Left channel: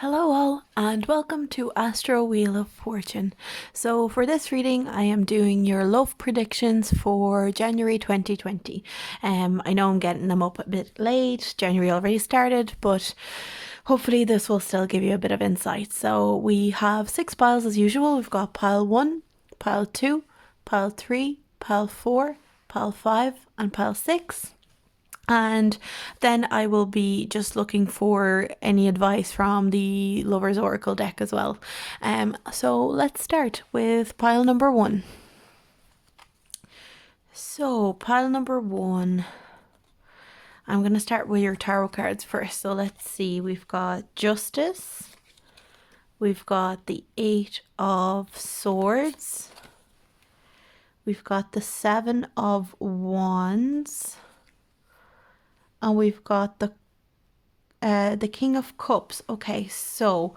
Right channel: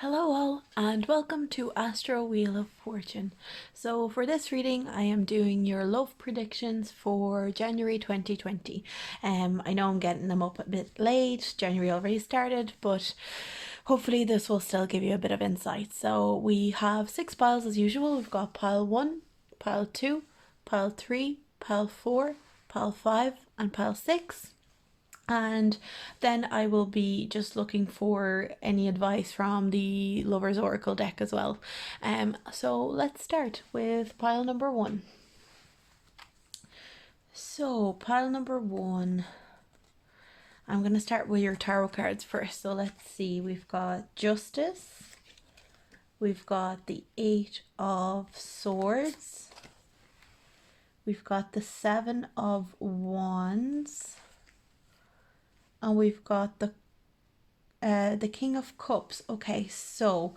Hello all and welcome to Astro Wheel of Fortune. So for this reading I am doing your love predictions for January 2020. I know I'm getting them up a bit late, January already started, but hopefully this will still give you a bit of insight. So we have 6 piles as usual. We've got pile 1, pile 2, pile 3, pile 4, pile 5 and pile 6. And then I will be just looking for any advice from the Lover's Oracle deck as well. So let's start with pile number 1. So pile number 1, I'm going to start with your tarot cards first. So let's see, we've got Justice, we've got the 8 of Swords, we've got the 7 of Wands, and we've got the King of Cups. Okay, so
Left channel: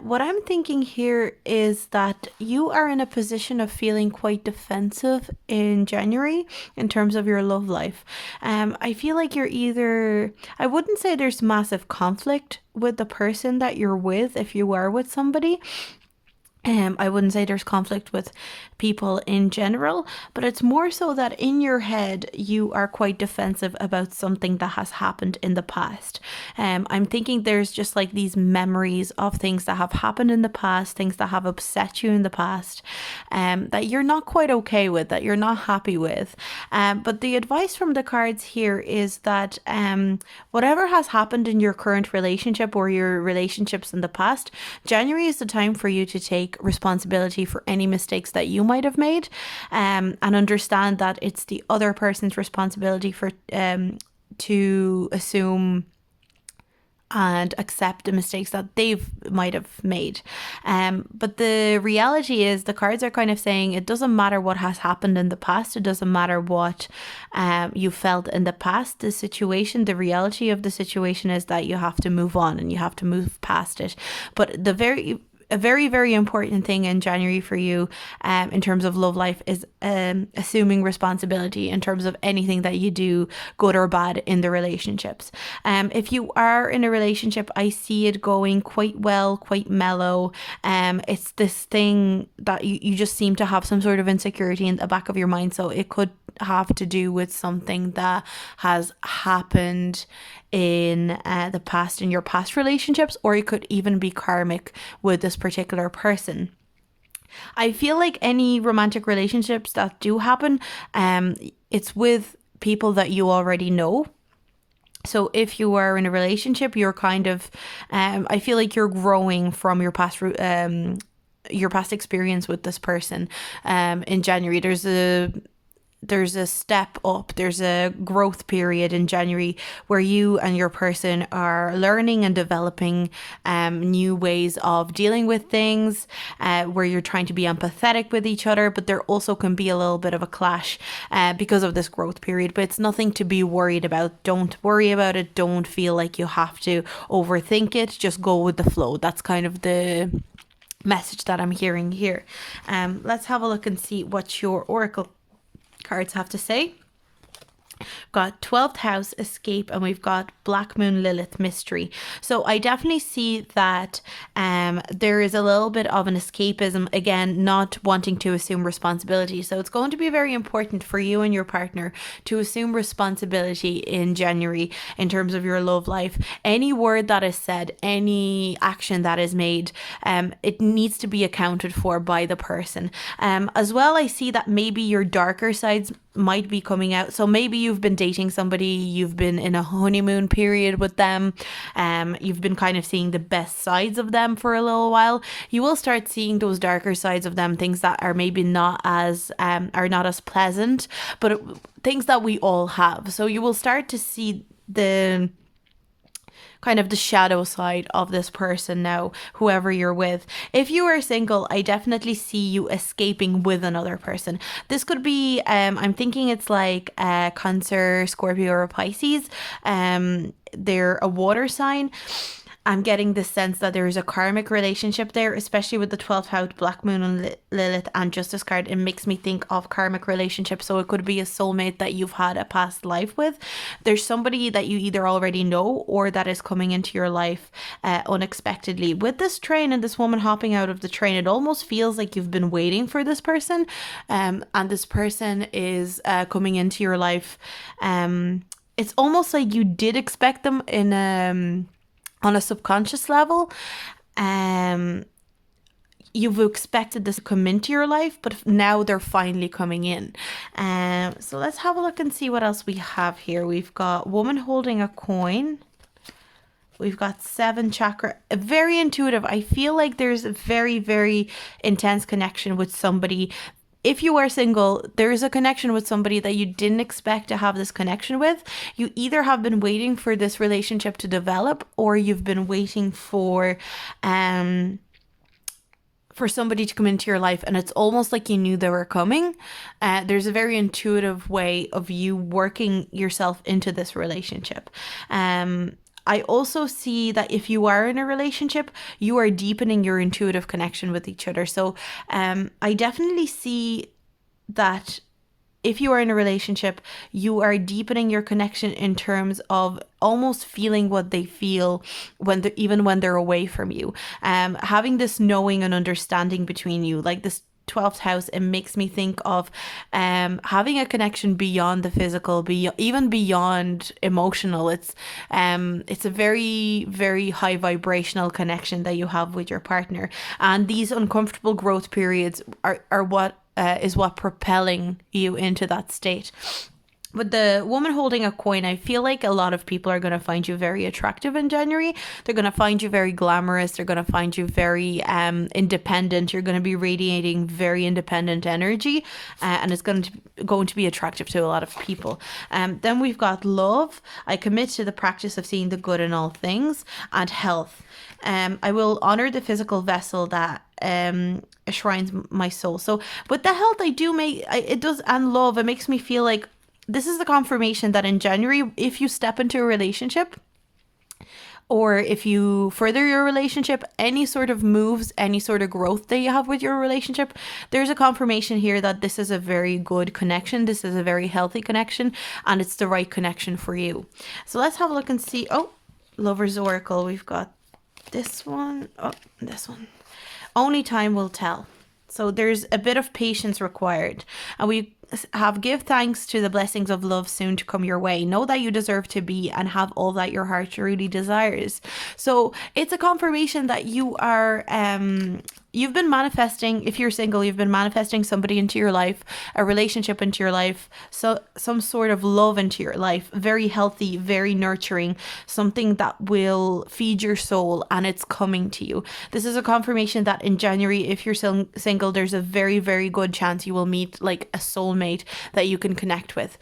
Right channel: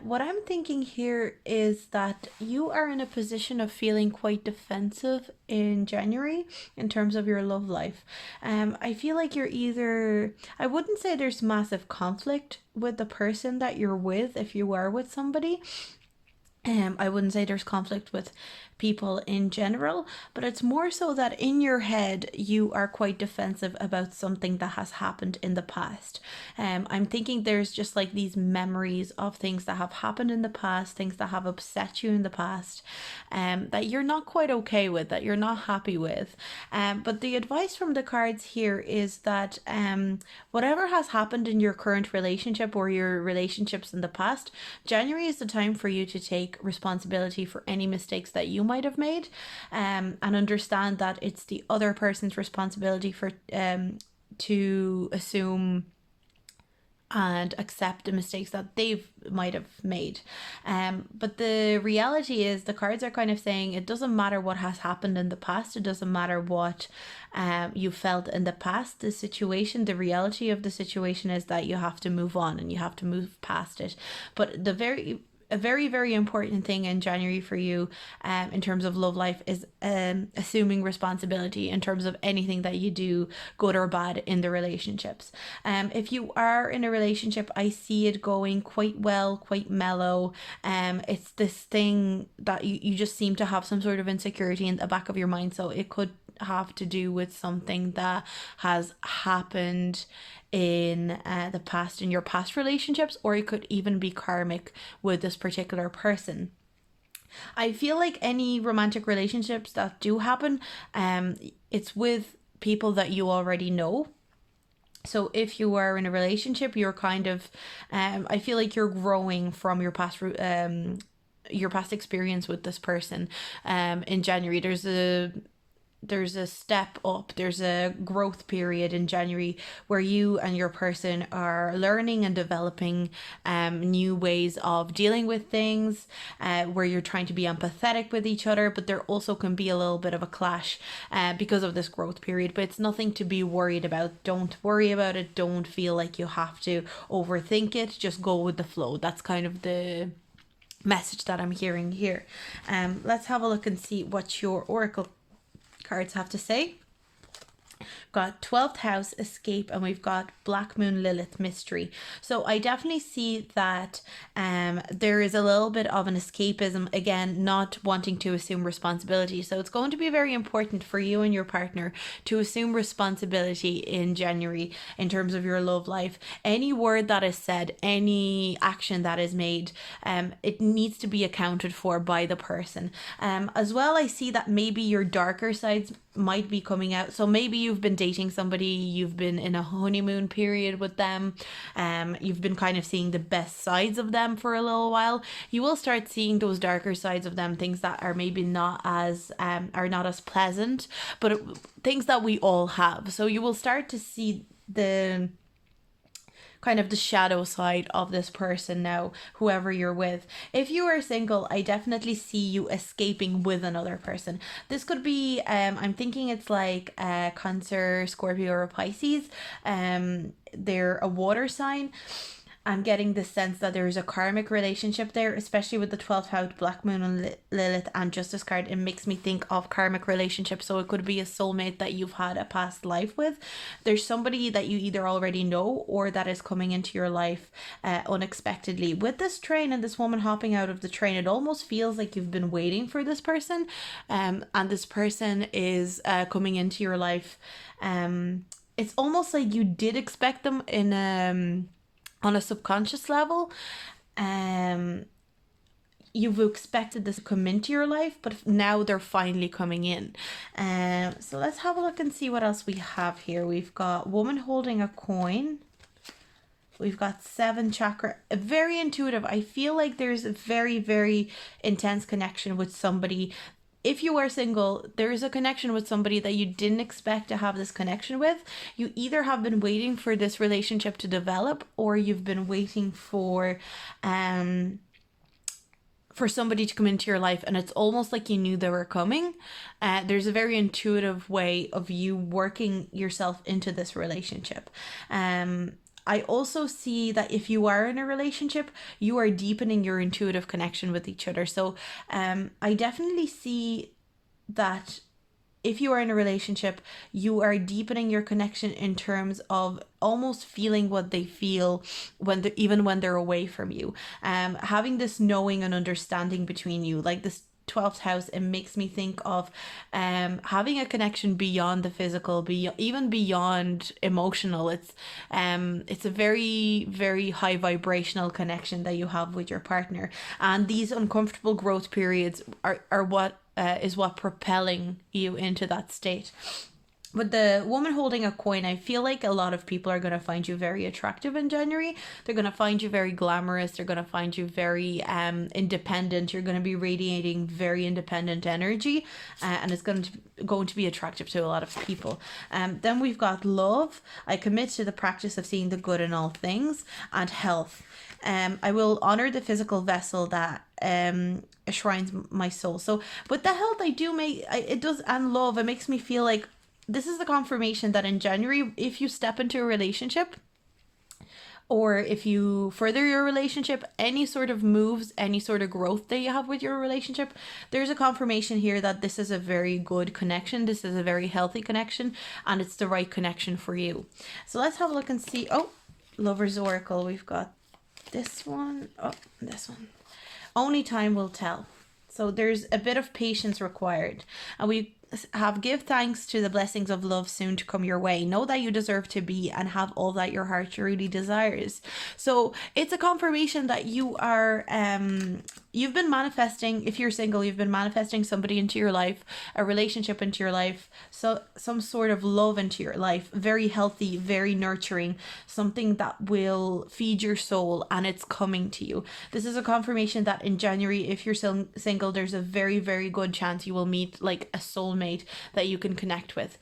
what I'm thinking here is that you are in a position of feeling quite defensive in January in terms of your love life. I feel like you're either, I wouldn't say there's massive conflict with the person that you're with if you are with somebody. I wouldn't say there's conflict with people in general, but it's more so that in your head you are quite defensive about something that has happened in the past. I'm thinking there's just like these memories of things that have happened in the past, things that have upset you in the past, that you're not quite okay with, that you're not happy with. But the advice from the cards here is that whatever has happened in your current relationship or your relationships in the past, January is the time for you to take responsibility for any mistakes that you might have made, and understand that it's the other person's responsibility for to assume and accept the mistakes that they might have made. But the reality is the cards are kind of saying it doesn't matter what has happened in the past. It doesn't matter what you felt in the past. The situation, the reality of the situation is that you have to move on and you have to move past it. But a very, very important thing in January for you in terms of love life is assuming responsibility in terms of anything that you do, good or bad, in the relationships. If you are in a relationship, I see it going quite well, quite mellow. It's this thing that you just seem to have some sort of insecurity in the back of your mind. So it could have to do with something that has happened in the past, in your past relationships, or it could even be karmic with this particular person. I feel like any romantic relationships that do happen, it's with people that you already know. So if you are in a relationship, you're kind of, I feel like you're growing from your past experience with this person. In January, there's a step up, there's a growth period in January where you and your person are learning and developing new ways of dealing with things, where you're trying to be empathetic with each other, but there also can be a little bit of a clash because of this growth period. But it's nothing to be worried about. Don't worry about it. Don't feel like you have to overthink it. Just go with the flow. That's kind of the message that I'm hearing here. Let's have a look and see what your oracle cards have to say. Got 12th house, escape, and we've got Black Moon, Lilith, mystery. So I definitely see that there is a little bit of an escapism, again, not wanting to assume responsibility. So it's going to be very important for you and your partner to assume responsibility in January in terms of your love life. Any word that is said, any action that is made, it needs to be accounted for by the person. As well, I see that maybe your darker sides might be coming out. So maybe you've been dating somebody, you've been in a honeymoon period with them, you've been kind of seeing the best sides of them for a little while. You will start seeing those darker sides of them, things that are maybe not as pleasant, but things that we all have. So you will start to see the kind of the shadow side of this person now, whoever you're with. If you are single, I definitely see you escaping with another person. This could be, I'm thinking it's like Cancer, Scorpio, or Pisces. They're a water sign. I'm getting the sense that there is a karmic relationship there, especially with the 12th house, Black Moon and Lilith and Justice card. It makes me think of karmic relationships. So it could be a soulmate that you've had a past life with. There's somebody that you either already know or that is coming into your life unexpectedly. With this train and this woman hopping out of the train, it almost feels like you've been waiting for this person, and this person is coming into your life. It's almost like you did expect them in on a subconscious level. You've expected this to come into your life, but now they're finally coming in. So let's have a look and see what else we have here. We've got woman holding a coin. We've got 7 chakra, very intuitive. I feel like there's a very, very intense connection with somebody. If you are single, there is a connection with somebody that you didn't expect to have this connection with. You either have been waiting for this relationship to develop, or you've been waiting for somebody to come into your life, and it's almost like you knew they were coming. There's a very intuitive way of you working yourself into this relationship. I also see that if you are in a relationship, you are deepening your intuitive connection with each other. So I definitely see that if you are in a relationship, you are deepening your connection in terms of almost feeling what they feel even when they're away from you. Having this knowing and understanding between you, like this 12th house, it makes me think of having a connection beyond the physical, even beyond emotional. It's a very, very high vibrational connection that you have with your partner, and these uncomfortable growth periods are what is what propelling you into that state. With the woman holding a coin, I feel like a lot of people are going to find you very attractive in January. They're going to find you very glamorous. They're going to find you very independent. You're going to be radiating very independent energy, and it's going to be attractive to a lot of people. Then we've got love. I commit to the practice of seeing the good in all things, and health. I will honor the physical vessel that enshrines my soul. So with the health, and love, it makes me feel like this is the confirmation that in January, if you step into a relationship, or if you further your relationship, any sort of moves, any sort of growth that you have with your relationship, there's a confirmation here that this is a very good connection. This is a very healthy connection, and it's the right connection for you. So let's have a look and see. Oh, Lover's Oracle. We've got this one. Oh, this one. Only time will tell. So there's a bit of patience required, and we have give thanks to the blessings of love soon to come your way. Know that you deserve to be and have all that your heart truly desires. So it's a confirmation that you are you've been manifesting. If you're single, you've been manifesting somebody into your life, a relationship into your life, so some sort of love into your life, very healthy, very nurturing, something that will feed your soul, and it's coming to you. This is a confirmation that in January, if you're still single, there's a very, very good chance you will meet like a soulmate that you can connect with.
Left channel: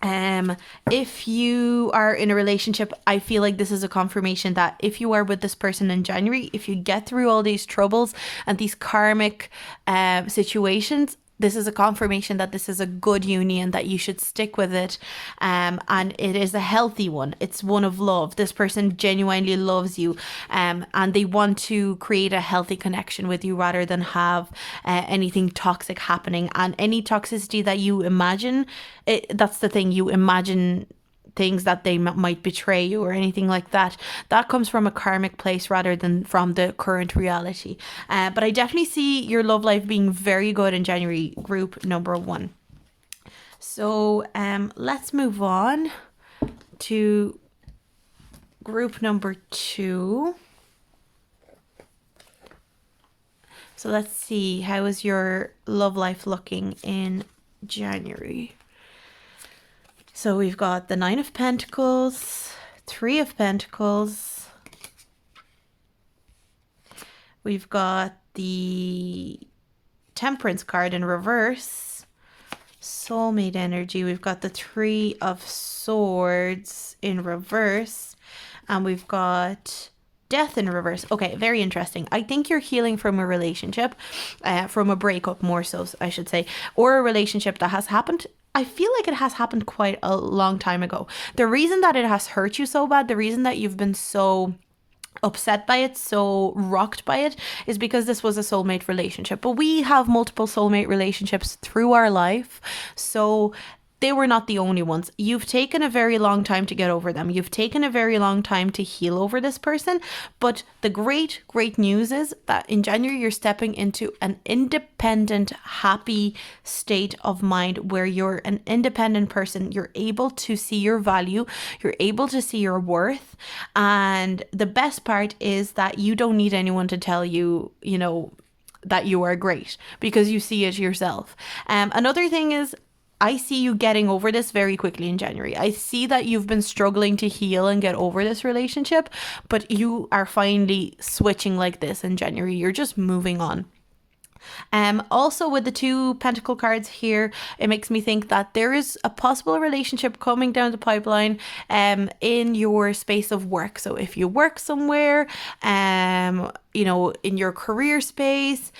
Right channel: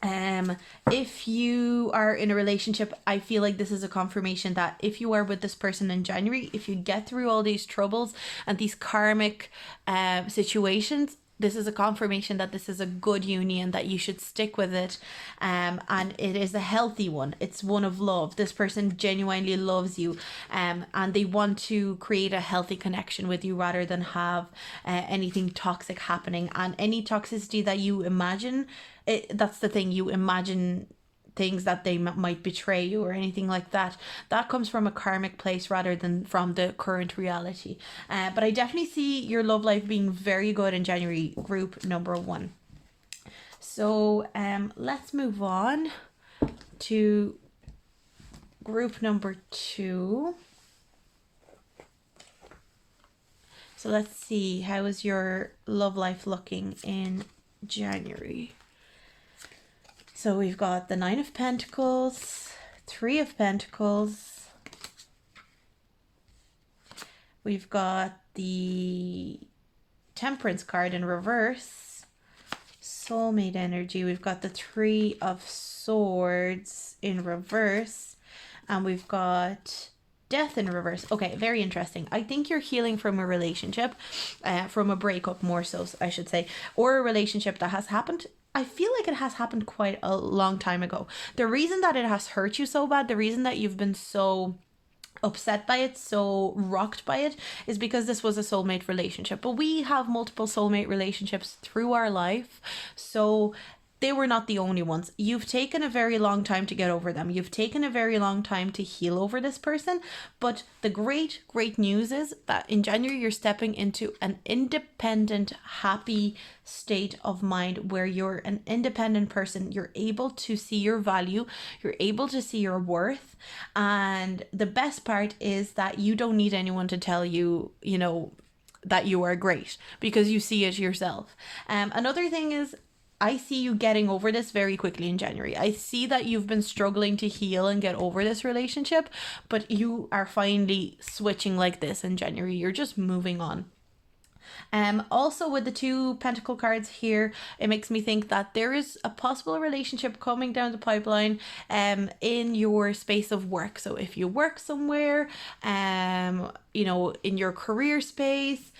If you are in a relationship, I feel like this is a confirmation that if you are with this person in January, if you get through all these troubles and these karmic situations, this is a confirmation that this is a good union, that you should stick with it, and it is a healthy one. It's one of love. This person genuinely loves you, and they want to create a healthy connection with you rather than have anything toxic happening. And any toxicity that you imagine, that's the thing, you imagine things that they might betray you or anything like that. That comes from a karmic place rather than from the current reality. But I definitely see your love life being very good in January, group number 1. So let's move on to group number 2. So let's see, how is your love life looking in January? So we've got the 9 of Pentacles, 3 of Pentacles. We've got the Temperance card in reverse, soulmate energy. We've got the 3 of Swords in reverse, and we've got Death in reverse. Okay, very interesting. I think you're healing from a relationship, from a breakup more so, I should say, or a relationship that has happened. I feel like it has happened quite a long time ago. The reason that it has hurt you so bad, the reason that you've been so upset by it, so rocked by it, is because this was a soulmate relationship. But we have multiple soulmate relationships through our life, so they were not the only ones. You've taken a very long time to get over them. You've taken a very long time to heal over this person. But the great, great news is that in January, you're stepping into an independent, happy state of mind where you're an independent person. You're able to see your value. You're able to see your worth. And the best part is that you don't need anyone to tell you, that you are great, because you see it yourself. Another thing is, I see you getting over this very quickly in January. I see that you've been struggling to heal and get over this relationship, but you are finally switching like this in January. You're just moving on. Also with the 2 pentacle cards here, it makes me think that there is a possible relationship coming down the pipeline in your space of work. So if you work somewhere, in your career space,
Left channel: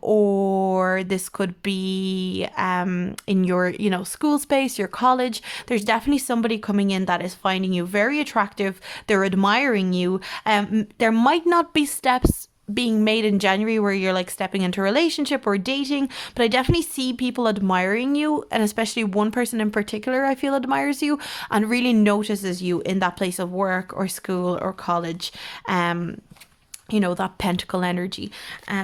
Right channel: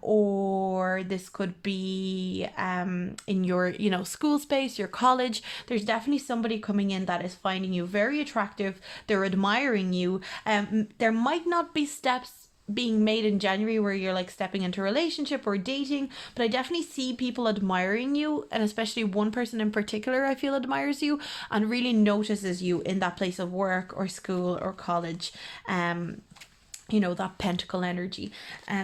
or this could be in your, school space, your college, there's definitely somebody coming in that is finding you very attractive. They're admiring you. There might not be steps being made in January where you're like stepping into a relationship or dating, but I definitely see people admiring you, and especially one person in particular I feel admires you and really notices you in that place of work or school or college. That pentacle energy.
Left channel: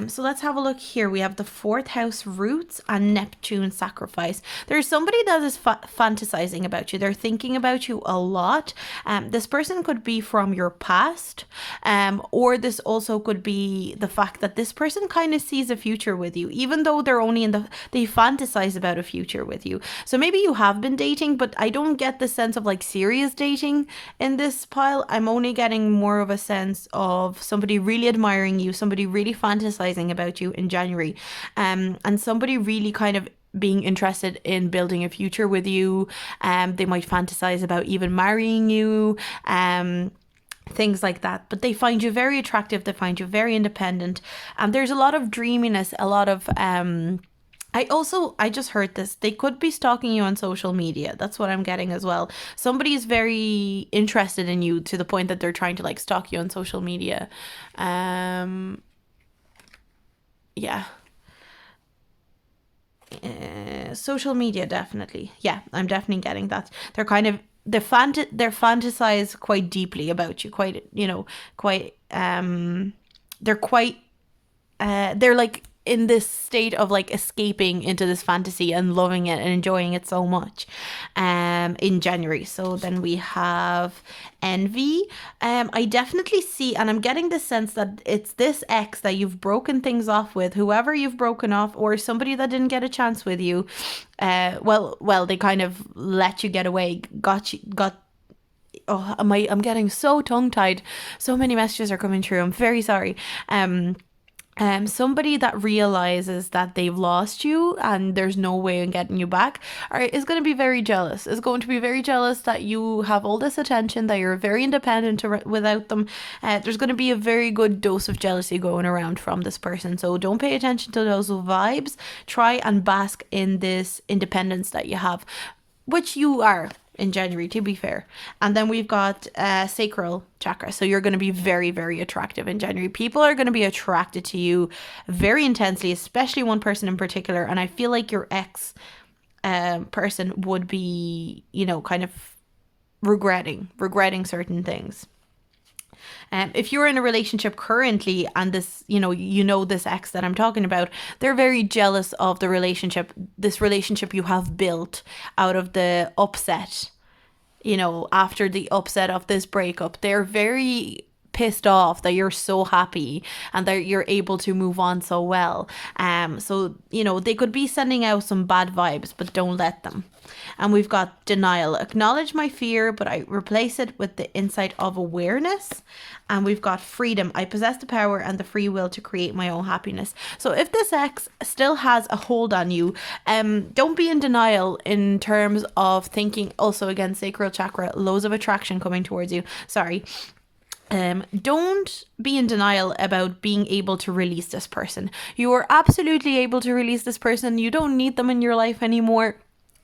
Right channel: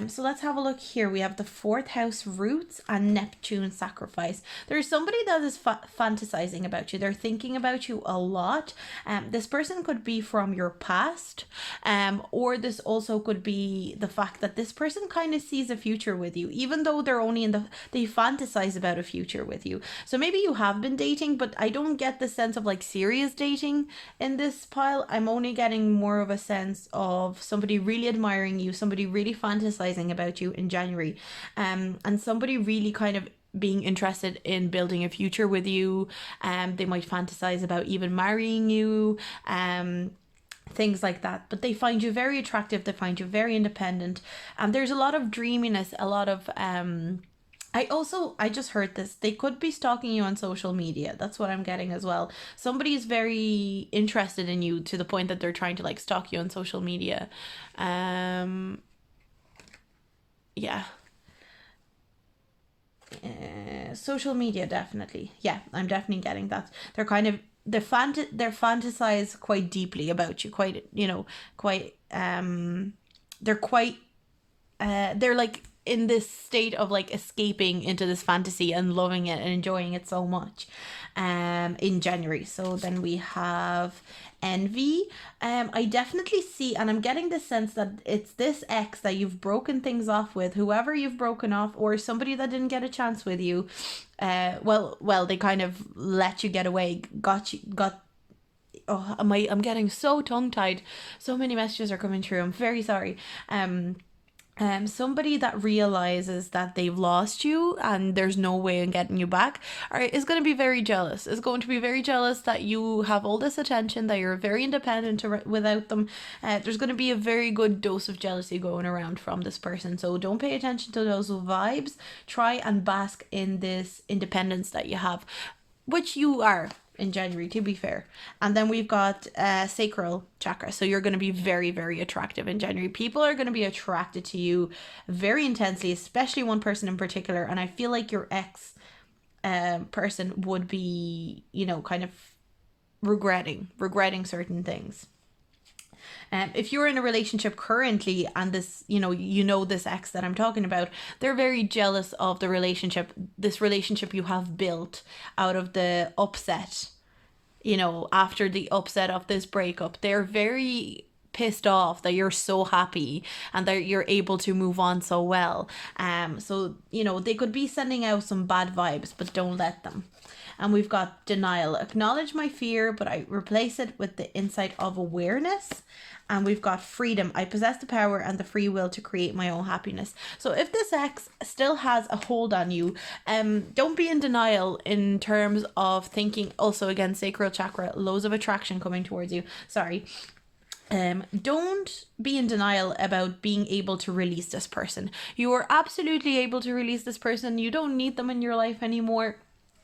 So let's have a look here. We have the 4th house roots and Neptune sacrifice. There's somebody that is fantasizing about you. They're thinking about you a lot. This person could be from your past, or this also could be the fact that this person kind of sees a future with you, even though they're only they fantasize about a future with you. So maybe you have been dating, but I don't get the sense of like serious dating in this pile. I'm only getting more of a sense of somebody really admiring you, somebody really fantasizing about you in January, and somebody really kind of being interested in building a future with you. They might fantasize about even marrying you, things like that. But they find you very attractive, they find you very independent, and there's a lot of dreaminess, a lot of I just heard this. They could be stalking you on social media. That's what I'm getting as well. Somebody is very interested in you to the point that they're trying to like stalk you on social media. Yeah. Social media, definitely. Yeah, I'm definitely getting that. They're kind of they're fantasize quite deeply about you. Quite, quite. They're quite. They're like in this state of like escaping into this fantasy and loving it and enjoying it so much in January. So then we have envy. I definitely see, and I'm getting the sense that it's this ex that you've broken things off with, whoever you've broken off, or somebody that didn't get a chance with you. They kind of let you get away, got oh, I'm getting so tongue tied. So many messages are coming through. I'm very sorry. Somebody that realizes that they've lost you and there's no way in getting you back is going to be very jealous. Is going to be very jealous that you have all this attention, that you're very independent without them. There's going to be a very good dose of jealousy going around from this person. So don't pay attention to those vibes. Try and bask in this independence that you have, which you are in January, to be fair. And then we've got sacral chakra. So you're going to be very, very attractive in January. People are going to be attracted to you very intensely, especially one person in particular. And I feel like your ex person would be, kind of regretting certain things. If you're in a relationship currently and this, this ex that I'm talking about, they're very jealous of this relationship you have built out of the upset, after the upset of this breakup. They're very pissed off that you're so happy and that you're able to move on so well. So, they could be sending out some bad vibes, but don't let them. And we've got denial. Acknowledge my fear, but I replace it with the insight of awareness. And we've got freedom. I possess the power and the free will to create my own happiness. So if this ex still has a hold on you, don't be in denial in terms of thinking. Also, again, sacral chakra, loads of attraction coming towards you. Sorry. Don't be in denial about being able to release this person. You are absolutely able to release this person. You don't need them in your life anymore.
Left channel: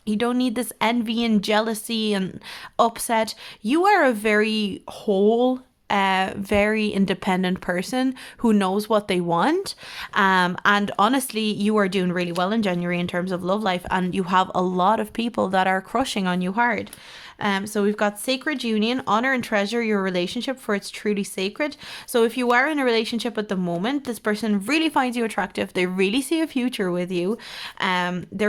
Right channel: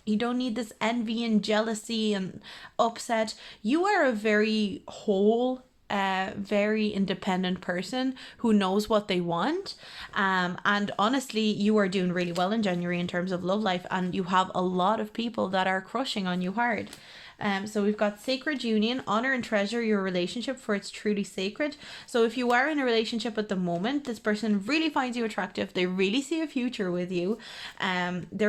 You don't need this envy and jealousy and upset. You are a very whole a very independent person who knows what they want. And honestly, you are doing really well in January in terms of love life, and you have a lot of people that are crushing on you hard. So we've got sacred union, honor and treasure your relationship for it's truly sacred. So if you are in a relationship at the moment, this person really finds you attractive. They really see a future with you. They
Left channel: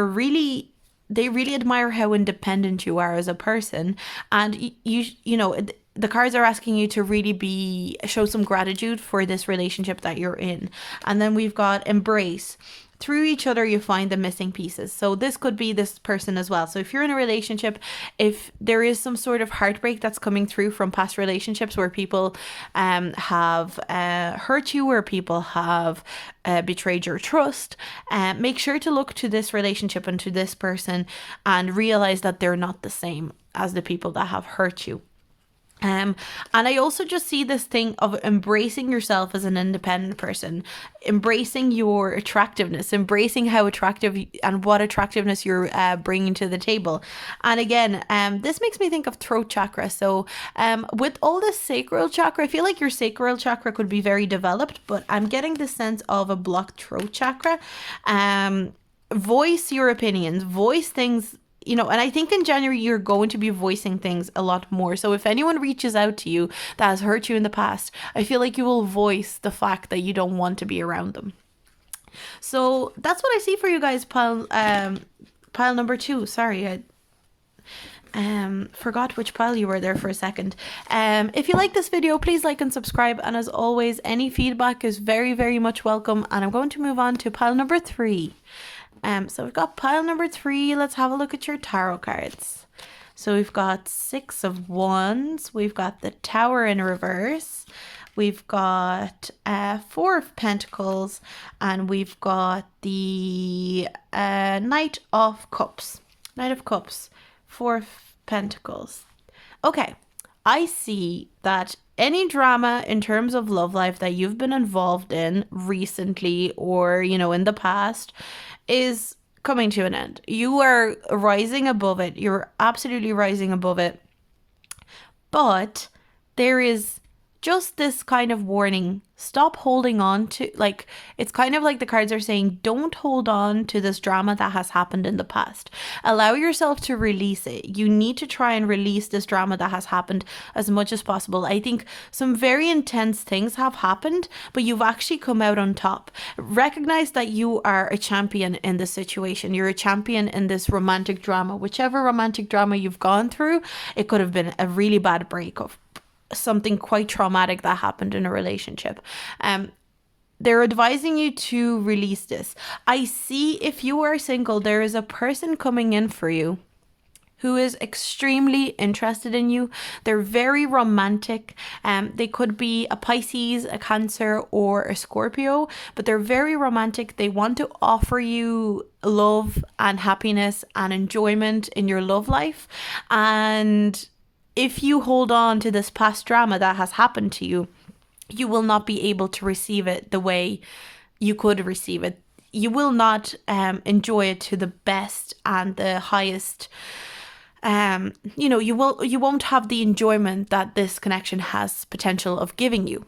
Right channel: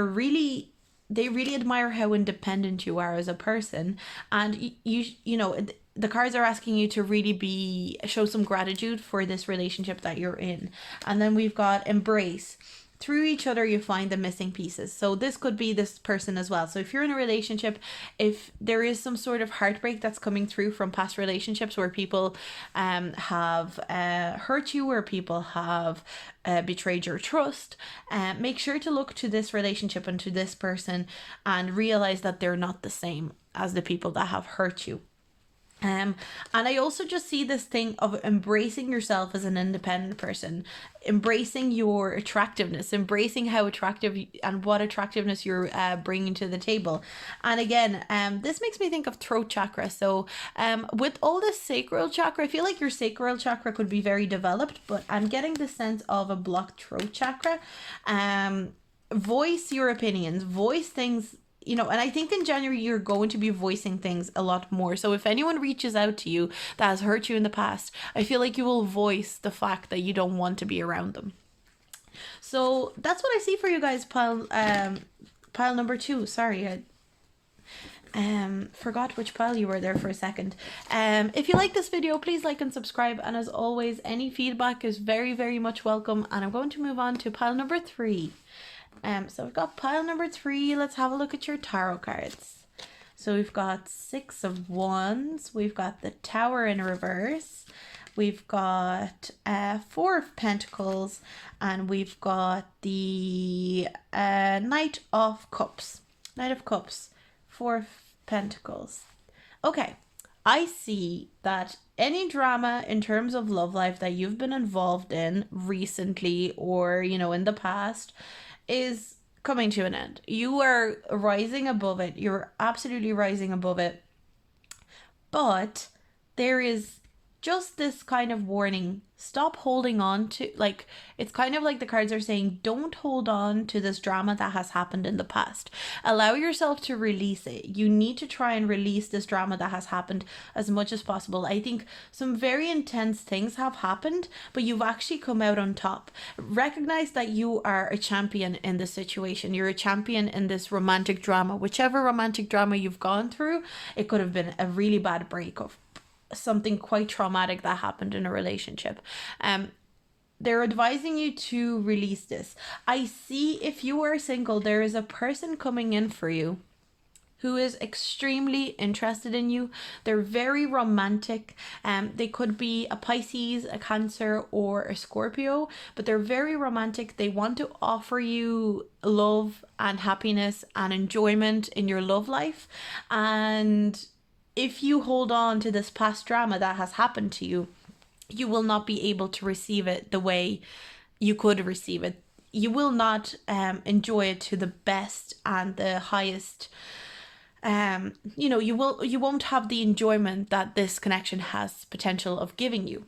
really admire how independent you are as a person, and you know, the cards are asking you to really show some gratitude for this relationship that you're in. And then we've got embrace. Through each other you find the missing pieces. So this could be this person as well. So if you're in a relationship, if there is some sort of heartbreak that's coming through from past relationships where people have hurt you, or people have betrayed your trust, make sure to look to this relationship and to this person and realize that they're not the same as the people that have hurt you. And I also just see this thing of embracing yourself as an independent person, embracing your attractiveness, embracing how attractive and what attractiveness you're bringing to the table. And again, this makes me think of throat chakra. So with all this sacral chakra, I feel like your sacral chakra could be very developed, but I'm getting the sense of a blocked throat chakra. Voice your opinions, voice things, you know, and I think in January you're going to be voicing things a lot more. So if anyone reaches out to you that has hurt you in the past, I feel like you will voice the fact that you don't want to be around them. So that's what I see for you guys, pile number 2. Sorry, I forgot which pile you were there for a second. If you like this video, please like and subscribe, and as always, any feedback is very, very much welcome. And I'm going to move on to pile number 3. So we've got pile number 3. Let's have a look at your tarot cards. So we've got 6 of Wands. We've got the Tower in reverse. We've got 4 of Pentacles. And we've got the Knight of Cups. Knight of Cups. 4 of Pentacles. Okay. I see that any drama in terms of love life that you've been involved in recently, or, you know, in the past, is coming to an end. You are rising above it. You're absolutely rising above it. But there is just this kind of warning. Stop holding on to, like, it's kind of like the cards are saying, don't hold on to this drama that has happened in the past. Allow yourself to release it. You need to try and release this drama that has happened as much as possible. I think some very intense things have happened, but you've actually come out on top. Recognize that you are a champion in this situation. You're a champion in this romantic drama. Whichever romantic drama you've gone through, it could have been a really bad breakup, something quite traumatic that happened in a relationship. They're advising you to release this. I see, if you are single, there is a person coming in for you who is extremely interested in you. They're very romantic. They could be a Pisces, a Cancer, or a Scorpio, but they're very romantic. They want to offer you love and happiness and enjoyment in your love life. And if you hold on to this past drama that has happened to you, you will not be able to receive it the way you could receive it. You will not enjoy it to the best and the highest. You know, you won't have the enjoyment that this connection has potential of giving you.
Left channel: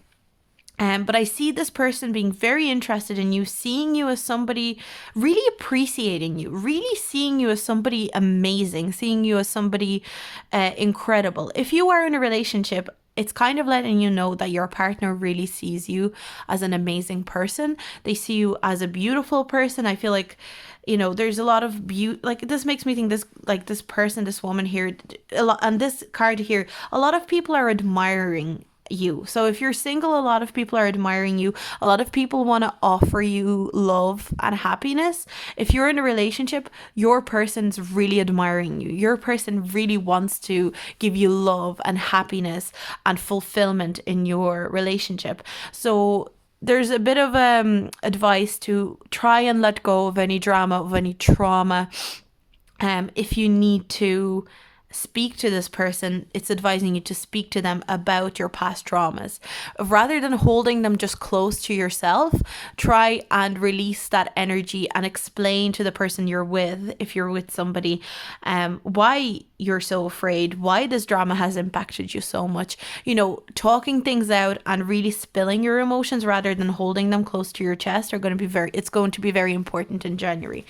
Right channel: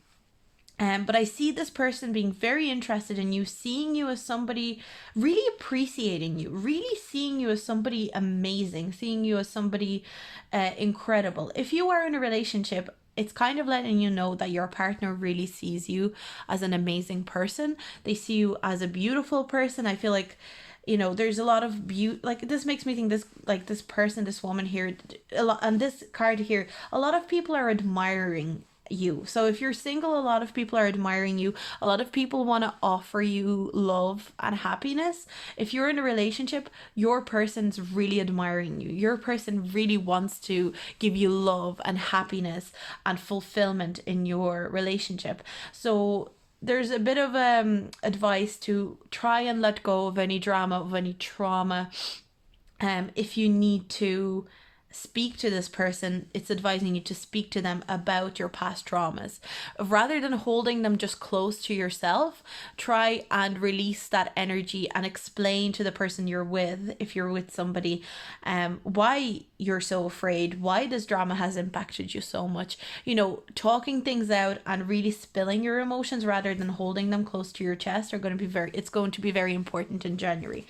But I see this person being very interested in you, seeing you as somebody, really appreciating you, really seeing you as somebody amazing, seeing you as somebody incredible. If you are in a relationship, it's kind of letting you know that your partner really sees you as an amazing person. They see you as a beautiful person. I feel like, you know, there's a lot of beauty. Like, this makes me think this, like, this person, this woman here, a lot, and this card here, a lot of people are admiring you. So if you're single, a lot of people are admiring you. A lot of people want to offer you love and happiness. If you're in a relationship, your person's really admiring you. Your person really wants to give you love and happiness and fulfillment in your relationship. So there's a bit of advice to try and let go of any drama, of any trauma. If you need to speak to this person, it's advising you to speak to them about your past traumas. Rather than holding them just close to yourself, try and release that energy and explain to the person you're with, if you're with somebody, why you're so afraid, why this drama has impacted you so much. You know, talking things out and really spilling your emotions rather than holding them close to your chest are going to be it's going to be very important in January.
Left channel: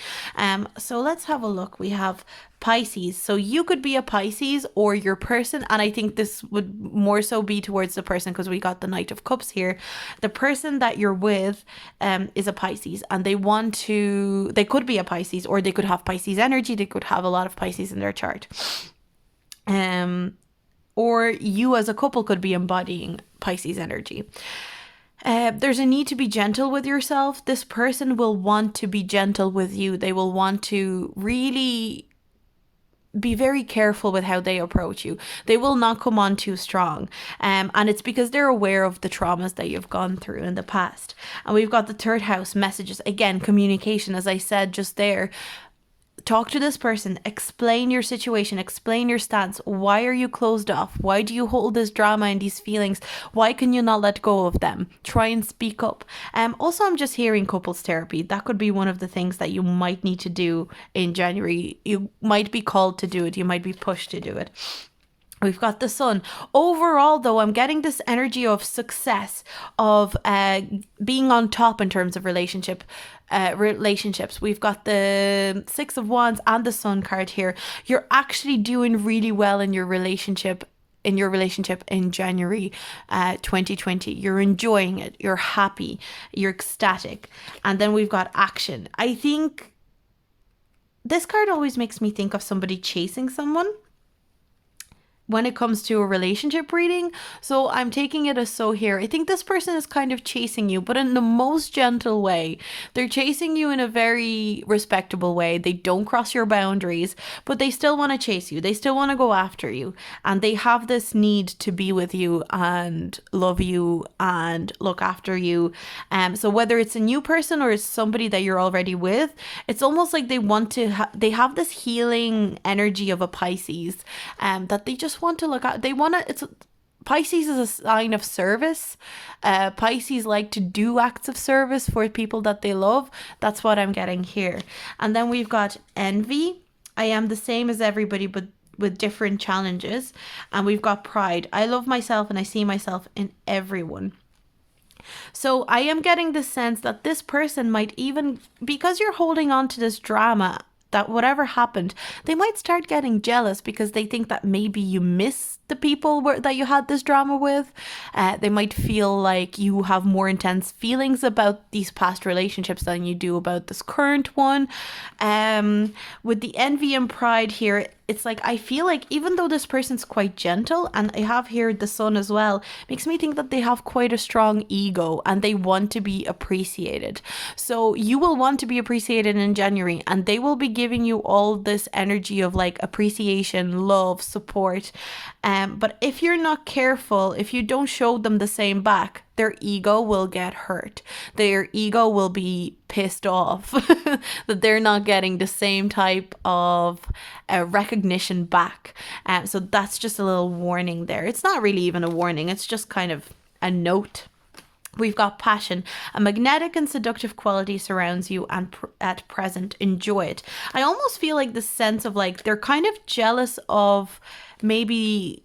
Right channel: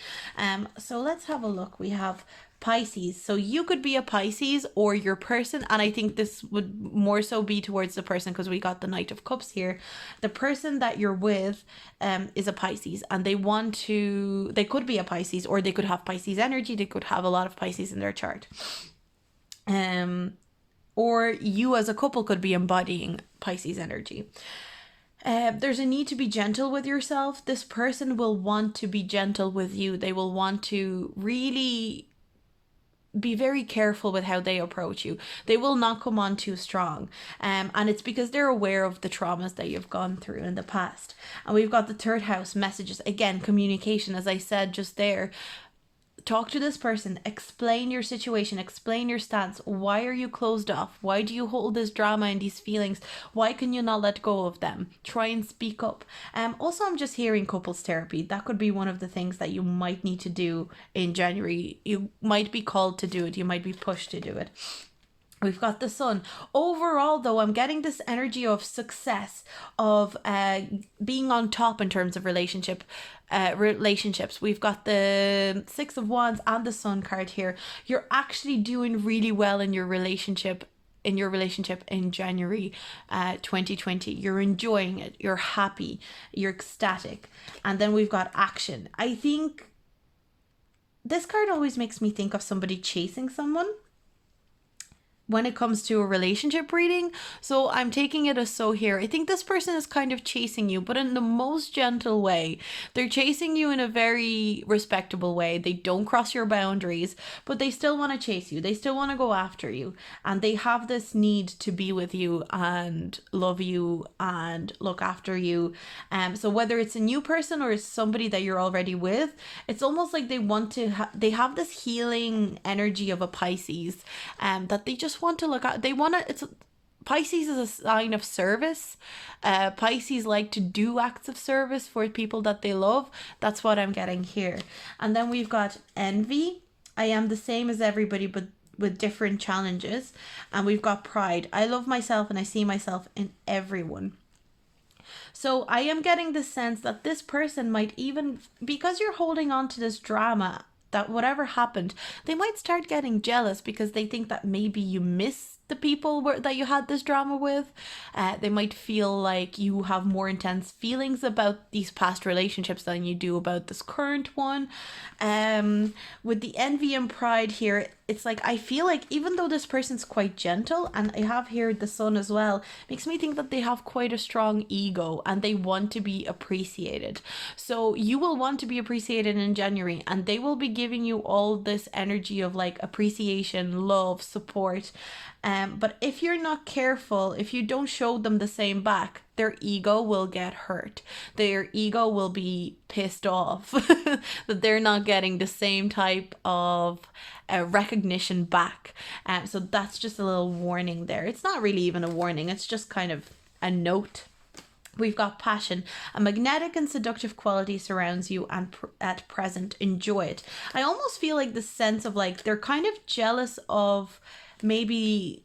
So let's have a look. We have Pisces. So you could be a Pisces or your person, and I think this would more so be towards the person because we got the Knight of Cups here. The person that you're with is a Pisces, and they could be a Pisces, or they could have Pisces energy. They could have a lot of Pisces in their chart. Or you as a couple could be embodying Pisces energy. There's a need to be gentle with yourself. This person will want to be gentle with you. They will want to really be very careful with how they approach you. They will not come on too strong. And it's because they're aware of the traumas that you've gone through in the past. And we've got the third house messages. Again, communication, as I said just there. Talk to this person, explain your situation, explain your stance. Why are you closed off? Why do you hold this drama and these feelings? Why can you not let go of them? Try and speak up. Also, I'm just hearing couples therapy. That could be one of the things that you might need to do in January. You might be called to do it. You might be pushed to do it. We've got the Sun. Overall, though, I'm getting this energy of success, of being on top in terms of relationships. We've got the Six of Wands and the Sun card here. You're actually doing really well in your relationship in January 2020. You're enjoying it. You're happy. You're ecstatic. And then we've got action. I think this card always makes me think of somebody chasing someone when it comes to a relationship reading. So I'm taking it as so here. I think this person is kind of chasing you, but in the most gentle way. They're chasing you in a very respectable way. They don't cross your boundaries, but they still want to chase you. They still want to go after you. And they have this need to be with you and love you and look after you. So whether it's a new person or it's somebody that you're already with, it's almost like they want to, they have this healing energy of a Pisces that they just want to look at. They want to, Pisces is a sign of service. Pisces like to do acts of service for people that they love. That's what I'm getting here. And then we've got envy. I am the same as everybody, but with different challenges. And we've got pride. I love myself and I see myself in everyone. So I am getting the sense that this person might even, because you're holding on to this drama, that whatever happened, they might start getting jealous because they think that maybe you miss the people that you had this drama with. They might feel like you have more intense feelings about these past relationships than you do about this current one. With the envy and pride here, it's like I feel like even though this person's quite gentle, and I have here the Sun as well, makes me think that they have quite a strong ego and they want to be appreciated. So you will want to be appreciated in January, and they will be giving you all this energy of like appreciation, love, support. But if you're not careful, if you don't show them the same back, their ego will get hurt. Their ego will be pissed off that they're not getting the same type of recognition back. So that's just a little warning there. It's not really even a warning. It's just kind of a note. We've got passion. A magnetic and seductive quality surrounds you, and at present, enjoy it. I almost feel like the sense of like they're kind of jealous of maybe,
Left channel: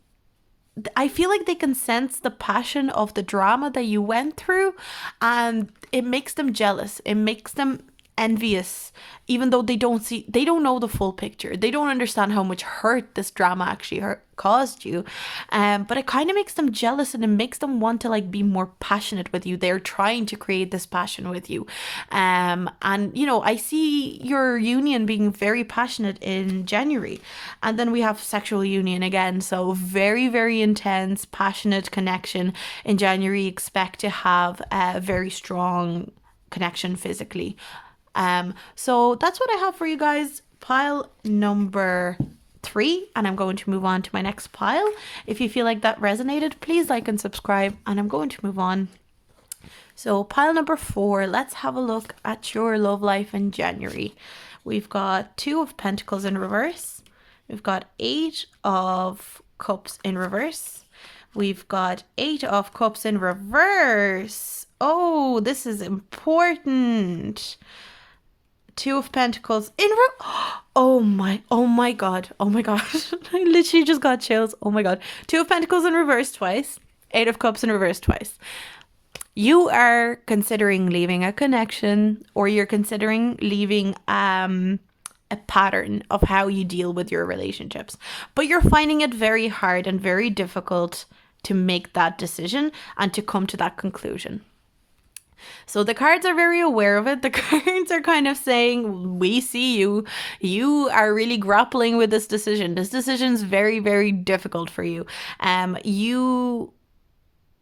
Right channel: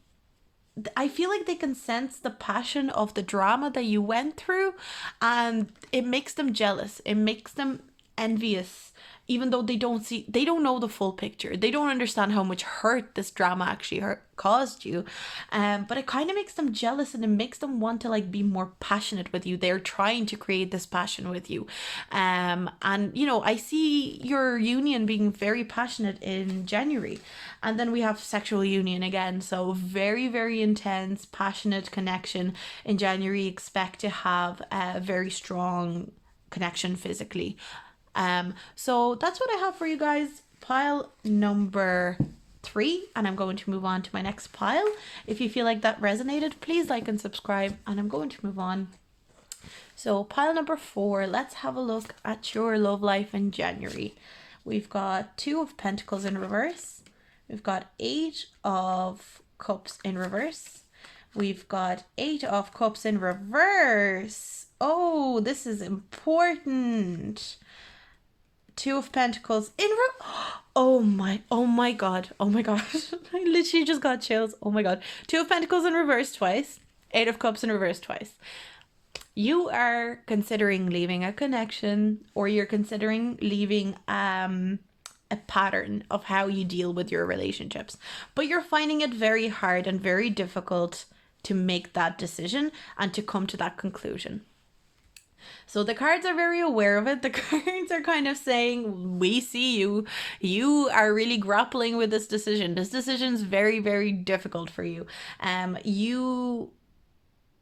I feel like they can sense the passion of the drama that you went through, and it makes them jealous. It makes them envious, even though they don't know the full picture. They don't understand how much hurt this drama actually caused you. But it kind of makes them jealous, and it makes them want to like be more passionate with you. They're trying to create this passion with you. And you know, I see your union being very passionate in January. And then we have sexual union again. So very, very intense, passionate connection in January. Expect to have a very strong connection physically. So that's what I have for you guys. Pile number 3, and I'm going to move on to my next pile. If you feel like that resonated, please like and subscribe, and I'm going to move on. So pile number 4, let's have a look at your love life in January. We've got 2 of Pentacles in reverse, We've got 8 of Cups in reverse. We've got 8 of Cups in reverse. Oh, this is important. 2 of Pentacles in oh my god. I literally just got chills. Oh my god. 2 of Pentacles in reverse twice. 8 of Cups in reverse twice. You are considering leaving a connection, or you're considering leaving a pattern of how you deal with your relationships, but you're finding it very hard and very difficult to make that decision and to come to that conclusion. So the cards are very aware of it. The cards are kind of saying, we see you. You are really grappling with this decision. This decision is very, very difficult for you. You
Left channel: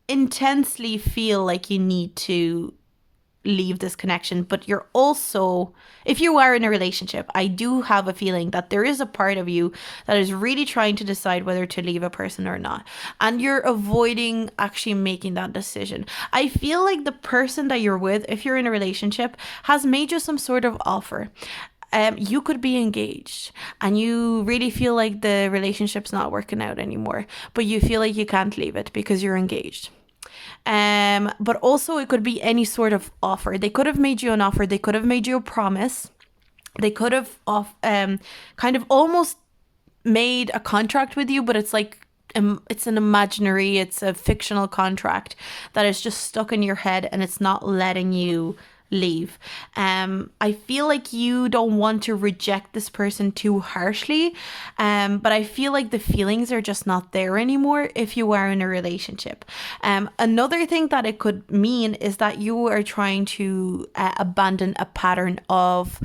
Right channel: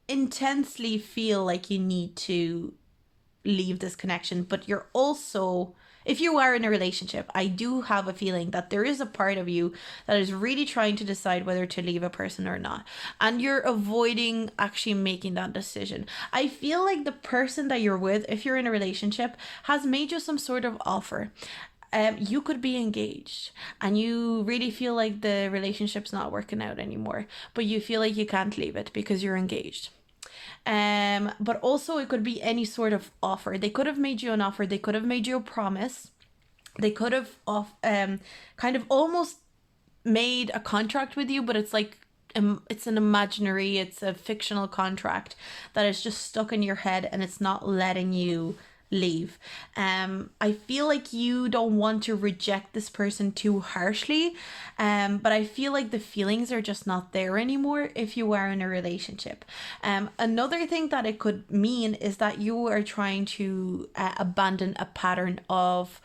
intensely feel like you need to leave this connection, but you're also, if you are in a relationship, I do have a feeling that there is a part of you that is really trying to decide whether to leave a person or not, and you're avoiding actually making that decision. I feel like the person that you're with, if you're in a relationship, has made you some sort of offer. You could be engaged and you really feel like the relationship's not working out anymore, but you feel like you can't leave it because you're engaged. But also it could be any sort of offer. They could have made you an offer. They could have made you a promise. They could have kind of almost made a contract with you, but it's like it's an imaginary, it's a fictional contract that is just stuck in your head and it's not letting you leave. I feel like you don't want to reject this person too harshly, but I feel like the feelings are just not there anymore if you are in a relationship. Another thing that it could mean is that you are trying to abandon a pattern of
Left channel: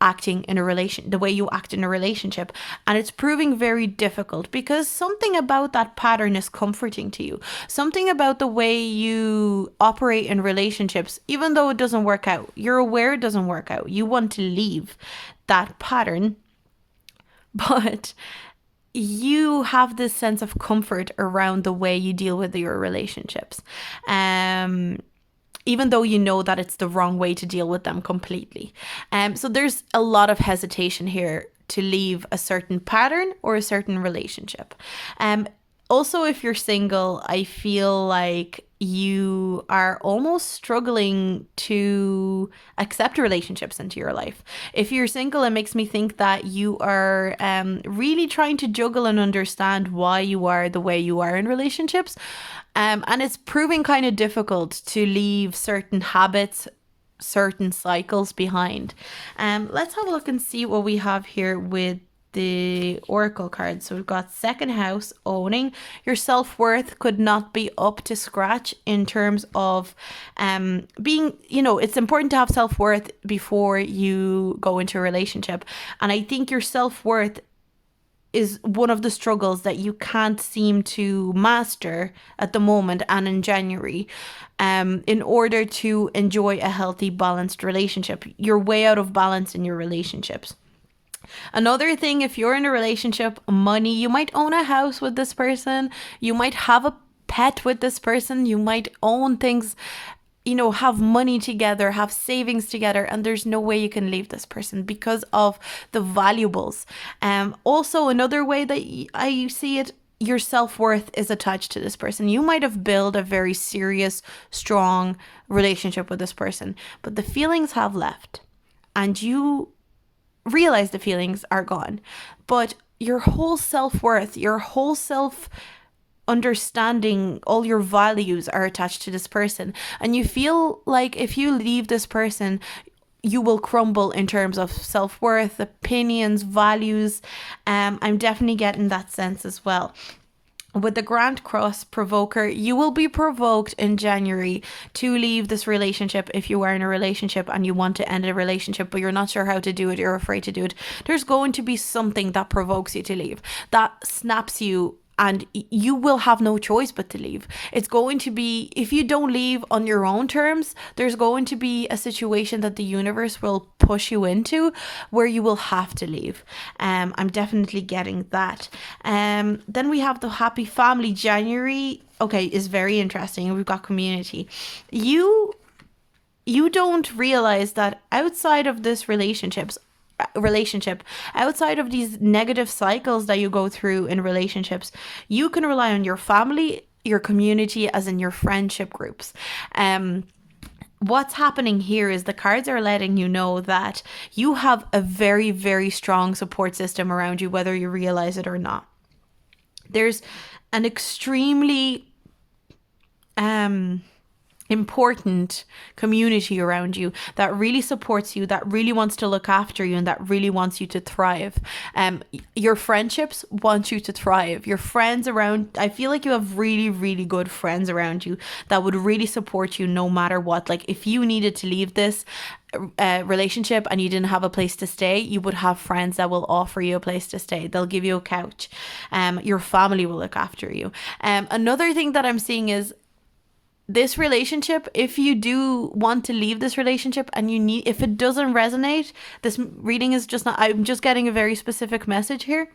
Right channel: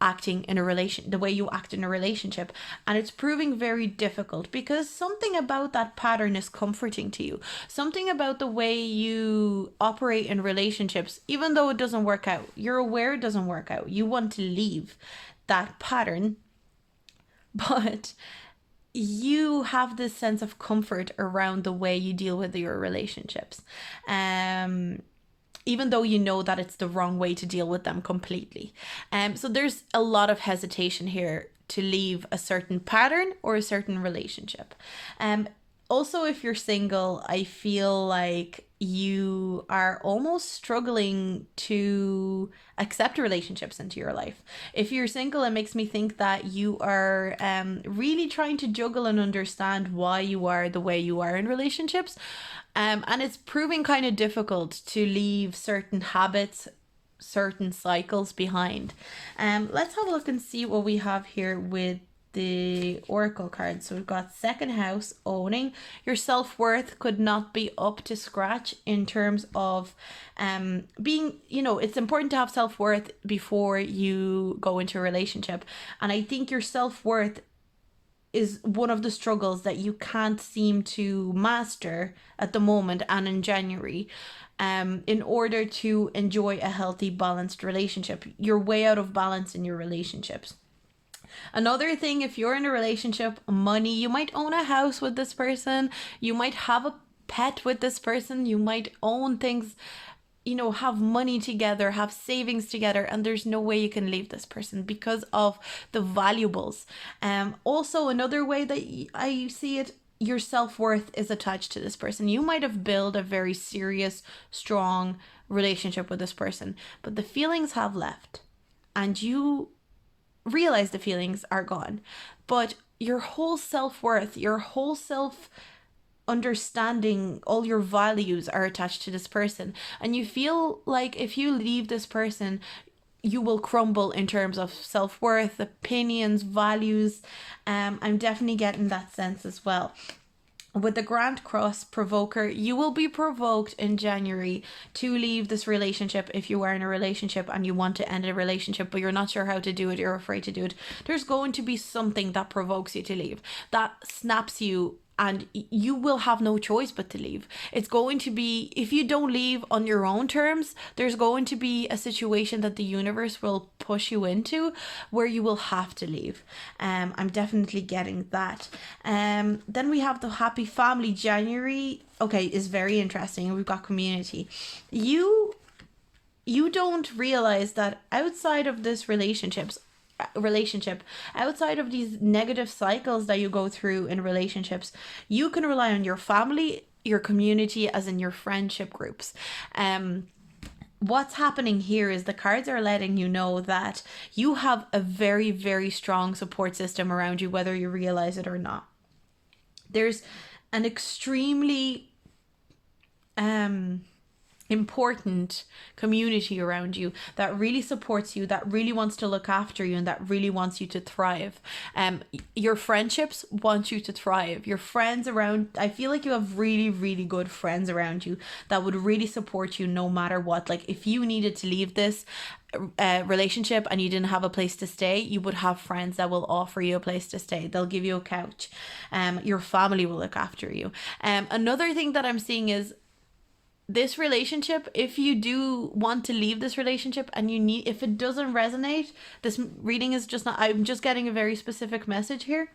acting in a relation, the way you act in a relationship, and it's proving very difficult because something about that pattern is comforting to you. Something about the way you operate in relationships, even though it doesn't work out, you're aware it doesn't work out, you want to leave that pattern, but you have this sense of comfort around the way you deal with your relationships, even though you know that it's the wrong way to deal with them completely. So there's a lot of hesitation here to leave a certain pattern or a certain relationship. Also, if you're single, I feel like you are almost struggling to accept relationships into your life. If you're single, it makes me think that you are really trying to juggle and understand why you are the way you are in relationships. And it's proving kind of difficult to leave certain habits, certain cycles behind. Let's have a look and see what we have here with the oracle cards. So we've got second house, owning. Your self-worth could not be up to scratch in terms of being, it's important to have self-worth before you go into a relationship. And I think your self-worth is one of the struggles that you can't seem to master at the moment and in January, in order to enjoy a healthy, balanced relationship. You're way out of balance in your relationships. Another thing, if you're in a relationship, money, you might own a house with this person, you might have a pet with this person, you might own things, have money together, have savings together, and there's no way you can leave this person because of the valuables. Also, another way that I see it, your self-worth is attached to this person. You might have built a very serious, strong relationship with this person, but the feelings have left and you realize the feelings are gone, but your whole self-worth, your whole self understanding, all your values are attached to this person, and you feel like if you leave this person you will crumble in terms of self-worth, opinions, values. I'm definitely getting that sense as well. With the Grand Cross provoker, you will be provoked in January to leave this relationship if you are in a relationship and you want to end a relationship, but you're not sure how to do it, you're afraid to do it. There's going to be something that provokes you to leave, that snaps you, and you will have no choice but to leave. It's going to be, if you don't leave on your own terms, there's going to be a situation that the universe will push you into where you will have to leave. I'm definitely getting that. Then we have the happy family. January, okay, is very interesting. We've got community. You don't realize that outside of this relationships, relationship, outside of these negative cycles that you go through in relationships, you can rely on your family, your community, as in your friendship groups. What's happening here is the cards are letting you know that you have a very, very strong support system around you, whether you realize it or not. There's an extremely important community around you that really supports you, that really wants to look after you, and that really wants you to thrive. Your friendships want you to thrive. Your friends around, I feel like you have really, really good friends around you that would really support you no matter what. Like if you needed to leave this relationship and you didn't have a place to stay, you would have friends that will offer you a place to stay. They'll give you a couch. Your family will look after you. Another thing that I'm seeing is this relationship, if you do want to leave this relationship and you need, if it doesn't resonate, this reading is just not, I'm just getting a very specific message here.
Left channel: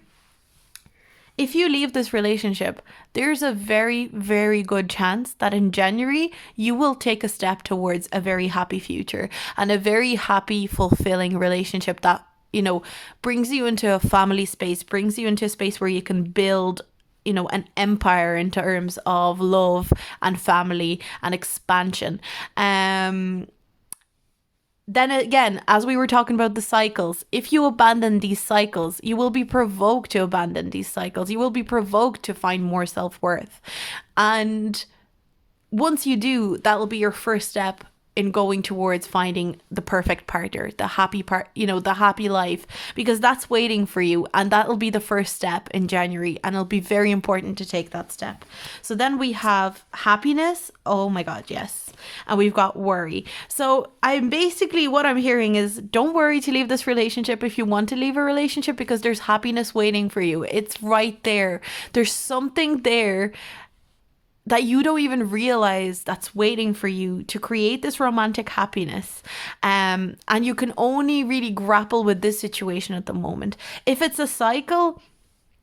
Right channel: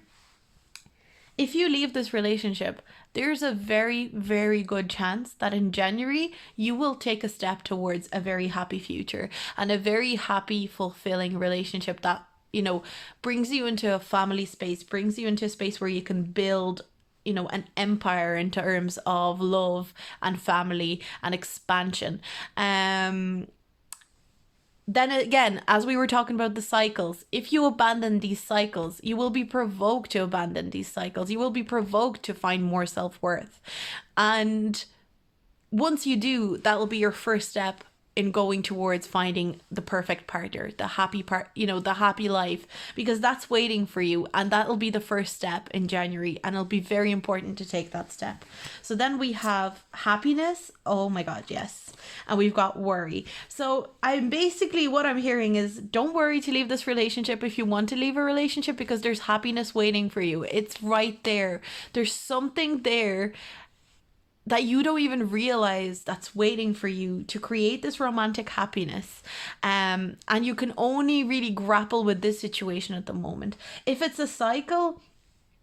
If you leave this relationship, there's a very, very good chance that in January, you will take a step towards a very happy future and a very happy, fulfilling relationship that, you know, brings you into a family space, brings you into a space where you can build, you know, an empire in terms of love and family and expansion. Then again, as we were talking about the cycles, if you abandon these cycles, you will be provoked to abandon these cycles. You will be provoked to find more self-worth. And once you do, that will be your first step in going towards finding the perfect partner, the happy part, you know, the happy life, because that's waiting for you, and that'll be the first step in January, and it'll be very important to take that step. So then we have happiness. Oh my God, yes. And we've got worry. So I'm basically, what I'm hearing is, don't worry to leave this relationship if you want to leave a relationship, because there's happiness waiting for you. It's right there. There's something there that you don't even realize that's waiting for you to create this romantic happiness. And you can only really grapple with this situation at the moment. If it's a cycle,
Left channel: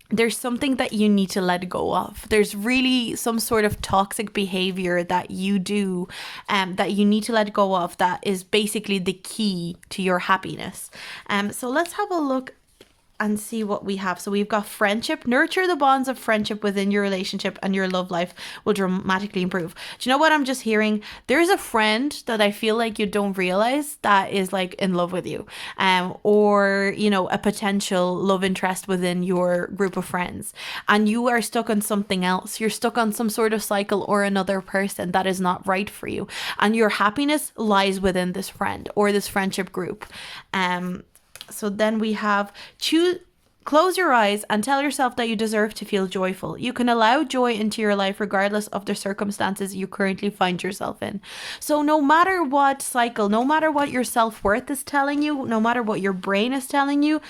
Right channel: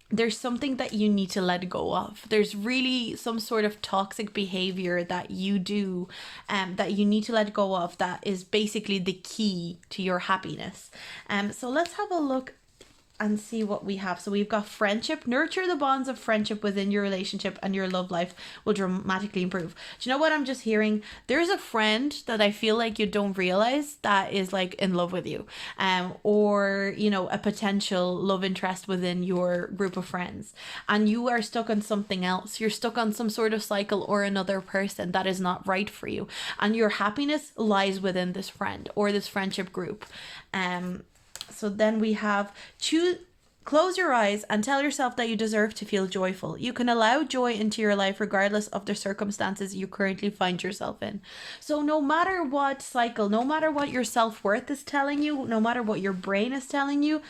there's something that you need to let go of. There's really some sort of toxic behavior that you do, that you need to let go of, that is basically the key to your happiness. So let's have a look and see what we have. So we've got friendship. Nurture the bonds of friendship within your relationship and your love life will dramatically improve. Do you know what I'm just hearing? There's a friend that I feel like you don't realize that is like in love with you, or, you know, a potential love interest within your group of friends, and you are stuck on something else. You're stuck on some sort of cycle or another person that is not right for you, and your happiness lies within this friend or this friendship group. So then we have close your eyes and tell yourself that you deserve to feel joyful. You can allow joy into your life regardless of the circumstances you currently find yourself in. So no matter what cycle, no matter what your self-worth is telling you, no matter what your brain is telling you,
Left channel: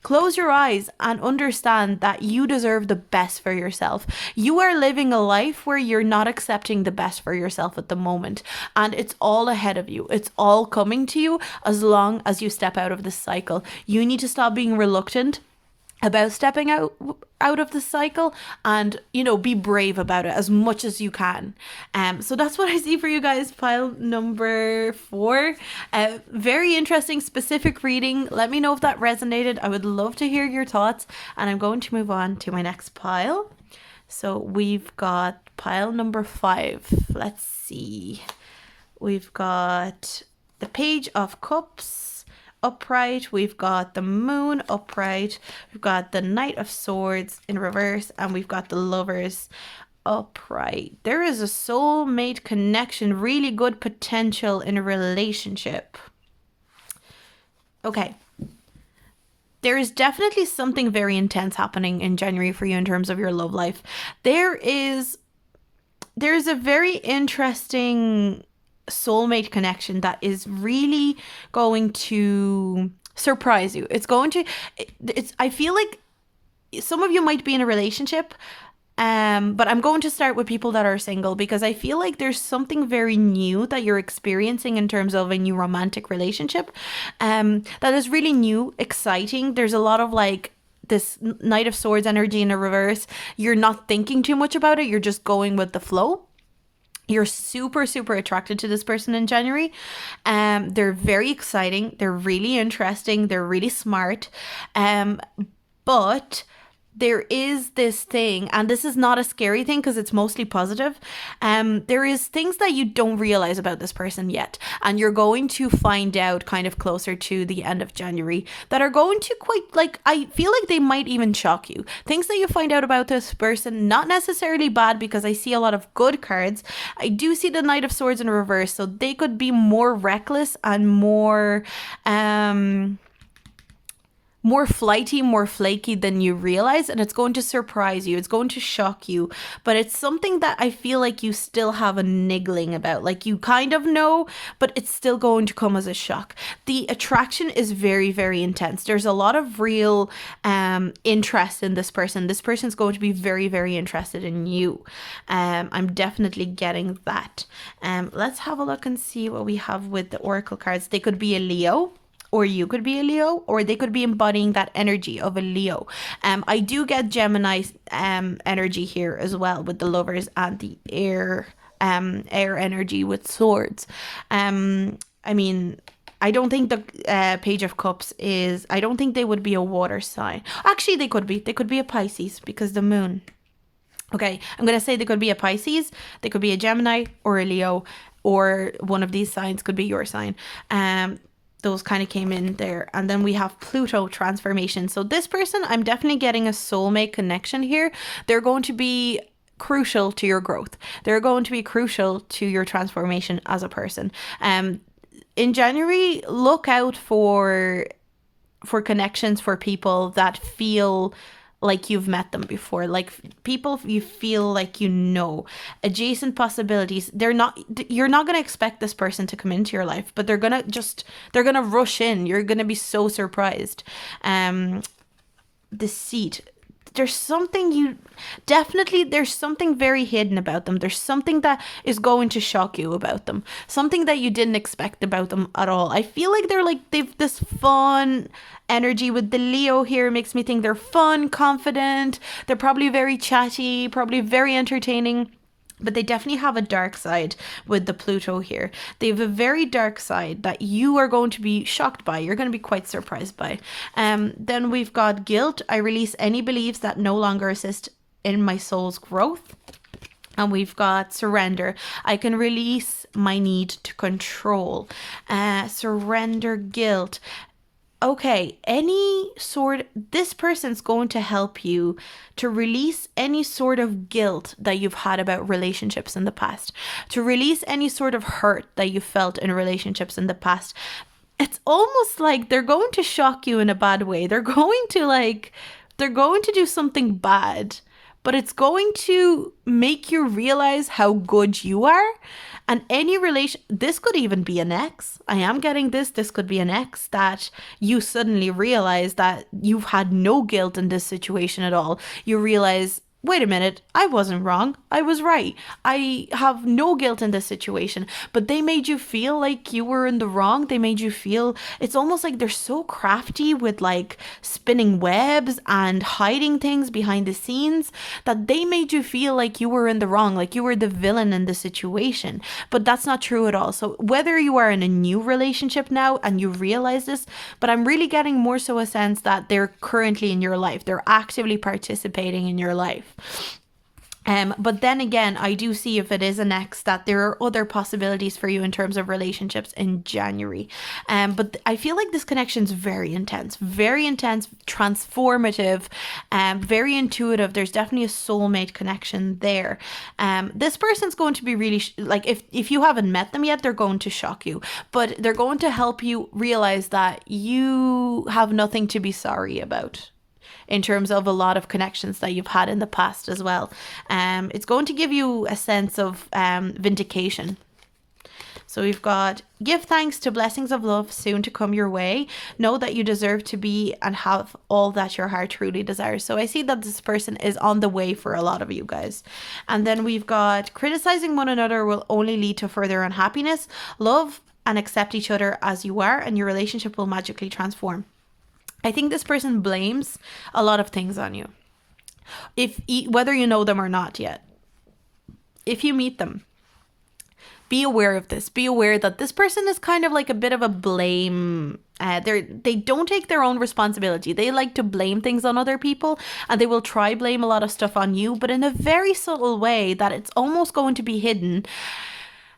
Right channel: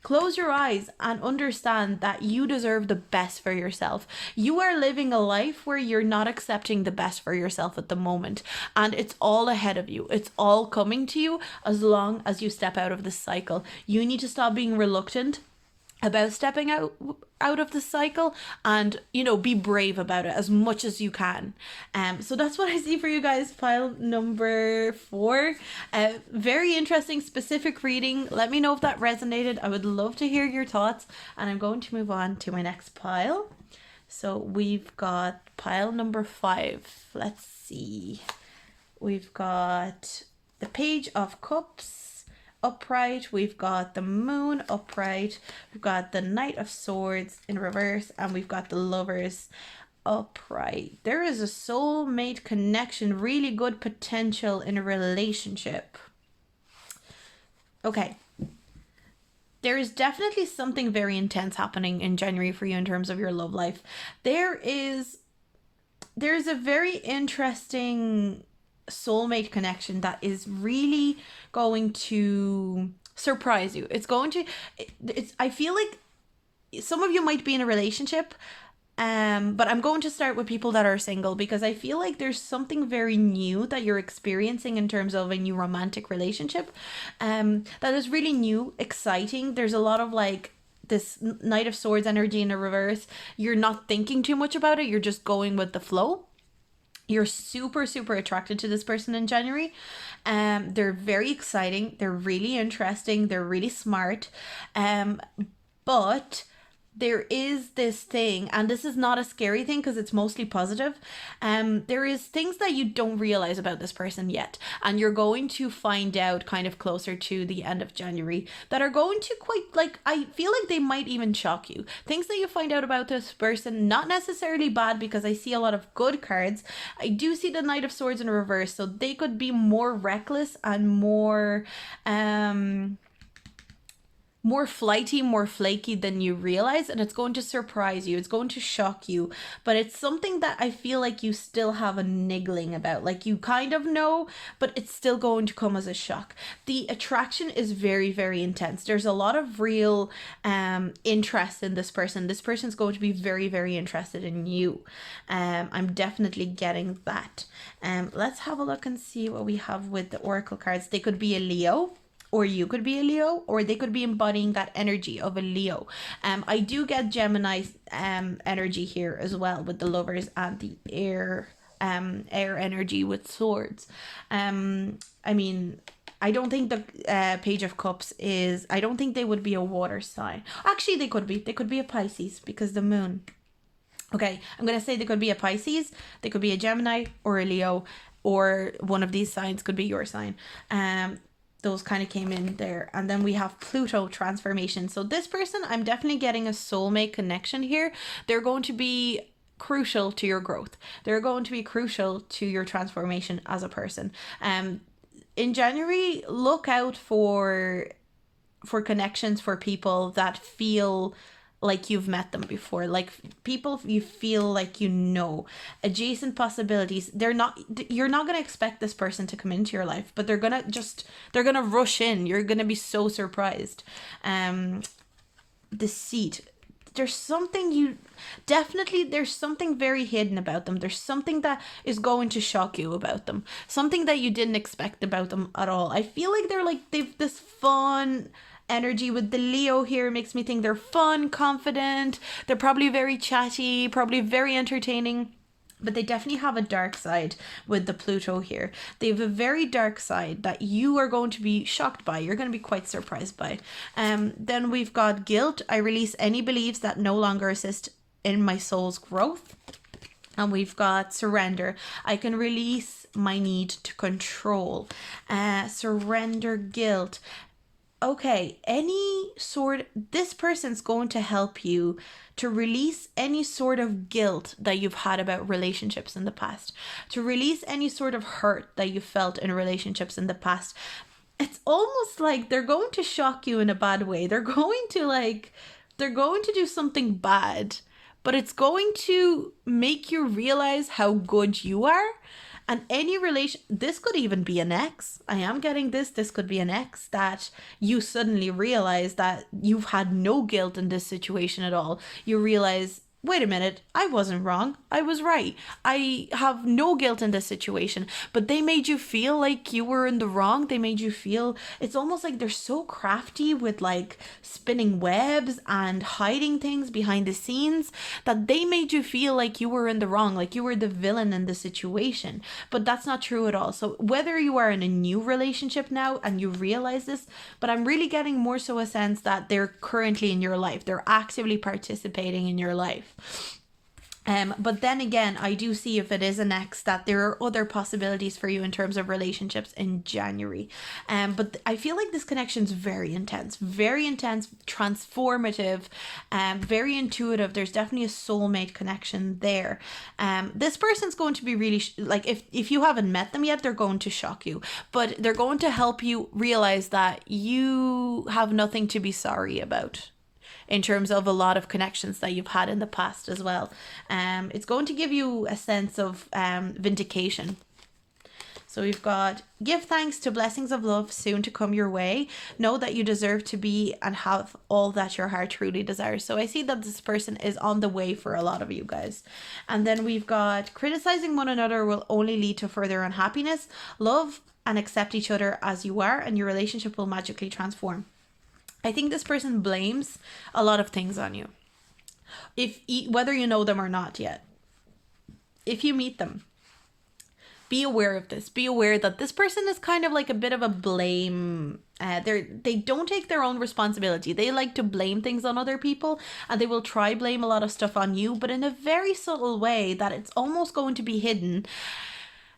close your eyes and understand that you deserve the best for yourself. You are living a life where you're not accepting the best for yourself at the moment, and it's all ahead of you. It's all coming to you as long as you step out of this cycle. You need to stop being reluctant about stepping out of the cycle, and, you know, be brave about it as much as you can. So that's what I see for you guys. Pile number 4, very interesting specific reading. Let me know if that resonated. I would love to hear your thoughts, and I'm going to move on to my next pile. So we've got pile number 5. Let's see, we've got the Page of Cups upright, we've got the Moon upright, we've got the Knight of Swords in reverse, and we've got the Lovers upright. There is a soulmate connection, really good potential in a relationship. Okay, there is definitely something very intense happening in January for you in terms of your love life. There's a very interesting soulmate connection that is really going to surprise you. I feel like some of you might be in a relationship, but I'm going to start with people that are single, because I feel like there's something very new that you're experiencing in terms of a new romantic relationship, that is really new, exciting. There's a lot of like this Knight of Swords energy in a reverse. You're not thinking too much about it, you're just going with the flow. You're super, super attracted to this person in January. They're very exciting. They're really interesting. They're really smart. But there is this thing, and this is not a scary thing because it's mostly positive. There is things that you don't realize about this person yet, and you're going to find out kind of closer to the end of January that are going to quite, like, I feel like they might even shock you. Things that you find out about this person, not necessarily bad, because I see a lot of good cards. I do see the Knight of Swords in reverse, so they could be more reckless and more flighty, more flaky than you realize, and it's going to surprise you. It's going to shock you, but it's something that I feel like you still have a niggling about. Like, you kind of know, but it's still going to come as a shock. The attraction is very, very intense. There's a lot of real interest in this person. This person's going to be very, very interested in you. I'm definitely getting that. Let's have a look and see what we have with the oracle cards. They could be a Leo, or you could be a Leo, or they could be embodying that energy of a Leo. I do get Gemini energy here as well, with the Lovers and the air energy with swords. I mean, I don't think the Page of Cups is, I don't think they would be a water sign. Actually, they could be a Pisces, because the moon. Okay, I'm going to say they could be a Pisces, they could be a Gemini or a Leo, or one of these signs could be your sign. Those kind of came in there. And then we have Pluto transformation. So this person, I'm definitely getting a soulmate connection here. They're going to be crucial to your growth. They're going to be crucial to your transformation as a person. In January, look out for connections, for people that feel like you've met them before, like people you feel like you know. Adjacent possibilities. You're not going to expect this person to come into your life, but they're going to rush in. You're going to be so surprised. Deceit. There's something very hidden about them. There's something that is going to shock you about them. Something that you didn't expect about them at all. I feel like they've this fun energy. With the Leo here, makes me think they're fun, confident. They're probably very chatty, probably very entertaining. But they definitely have a dark side with the Pluto here. They have a very dark side that you are going to be shocked by. You're going to be quite surprised by. Then we've got guilt. I release any beliefs that no longer assist in my soul's growth. And we've got surrender. I can release my need to control. Surrender, guilt. Okay, this person's going to help you to release any sort of guilt that you've had about relationships in the past, to release any sort of hurt that you felt in relationships in the past. It's almost like they're going to shock you in a bad way. They're going to do something bad, but it's going to make you realize how good you are. And this could even be an ex. I am getting this could be an ex that you suddenly realize that you've had no guilt in this situation at all. You realize, wait a minute, I wasn't wrong. I was right. I have no guilt in this situation. But they made you feel like you were in the wrong. They made you feel, it's almost like they're so crafty with like spinning webs and hiding things behind the scenes, that they made you feel like you were in the wrong, like you were the villain in the situation. But that's not true at all. So whether you are in a new relationship now and you realize this, but I'm really getting more so a sense that they're currently in your life. They're actively participating in your life. But then again, I do see, if it is an ex, that there are other possibilities for you in terms of relationships in January. But I feel like this connection is very intense, transformative, very intuitive. There's definitely a soulmate connection there. This person's going to be really, if you haven't met them yet, they're going to shock you, but they're going to help you realize that you have nothing to be sorry about, in terms of a lot of connections that you've had in the past as well. It's going to give you a sense of vindication. So we've got, give thanks to blessings of love soon to come your way. Know that you deserve to be and have all that your heart truly desires. So I see that this person is on the way for a lot of you guys. And then we've got, criticizing one another will only lead to further unhappiness. Love and accept each other as you are, and your relationship will magically transform. I think this person blames a lot of things on you, whether you know them or not yet. If you meet them, be aware of this. Be aware that this person is kind of like a bit of a blame. They don't take their own responsibility. They like to blame things on other people, and they will try blame a lot of stuff on you, but in a very subtle way that it's almost going to be hidden.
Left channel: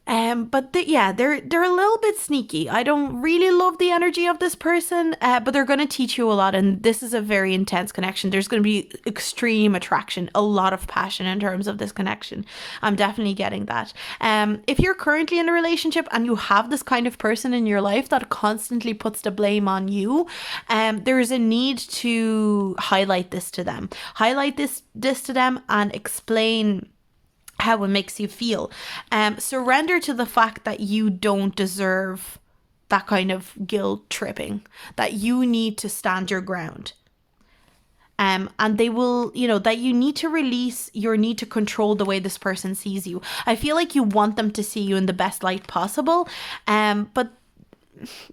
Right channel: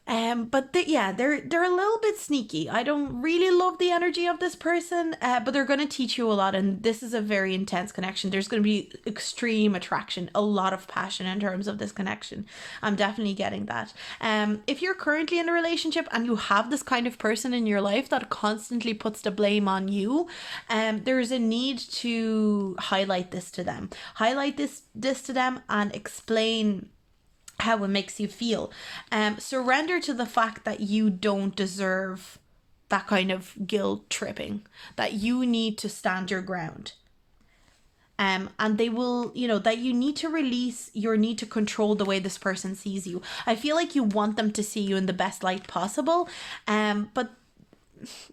But yeah, they're a little bit sneaky. I don't really love the energy of this person, but they're going to teach you a lot, and this is a very intense connection. There's going to be extreme attraction, a lot of passion in terms of this connection. I'm definitely getting that. If you're currently in a relationship and you have this kind of person in your life that constantly puts the blame on you, there is a need to highlight this to them. Highlight this to them and explain how it makes you feel. Surrender to the fact that you don't deserve that kind of guilt tripping, that you need to stand your ground. And they will, that you need to release your need to control the way this person sees you. I feel like you want them to see you in the best light possible, but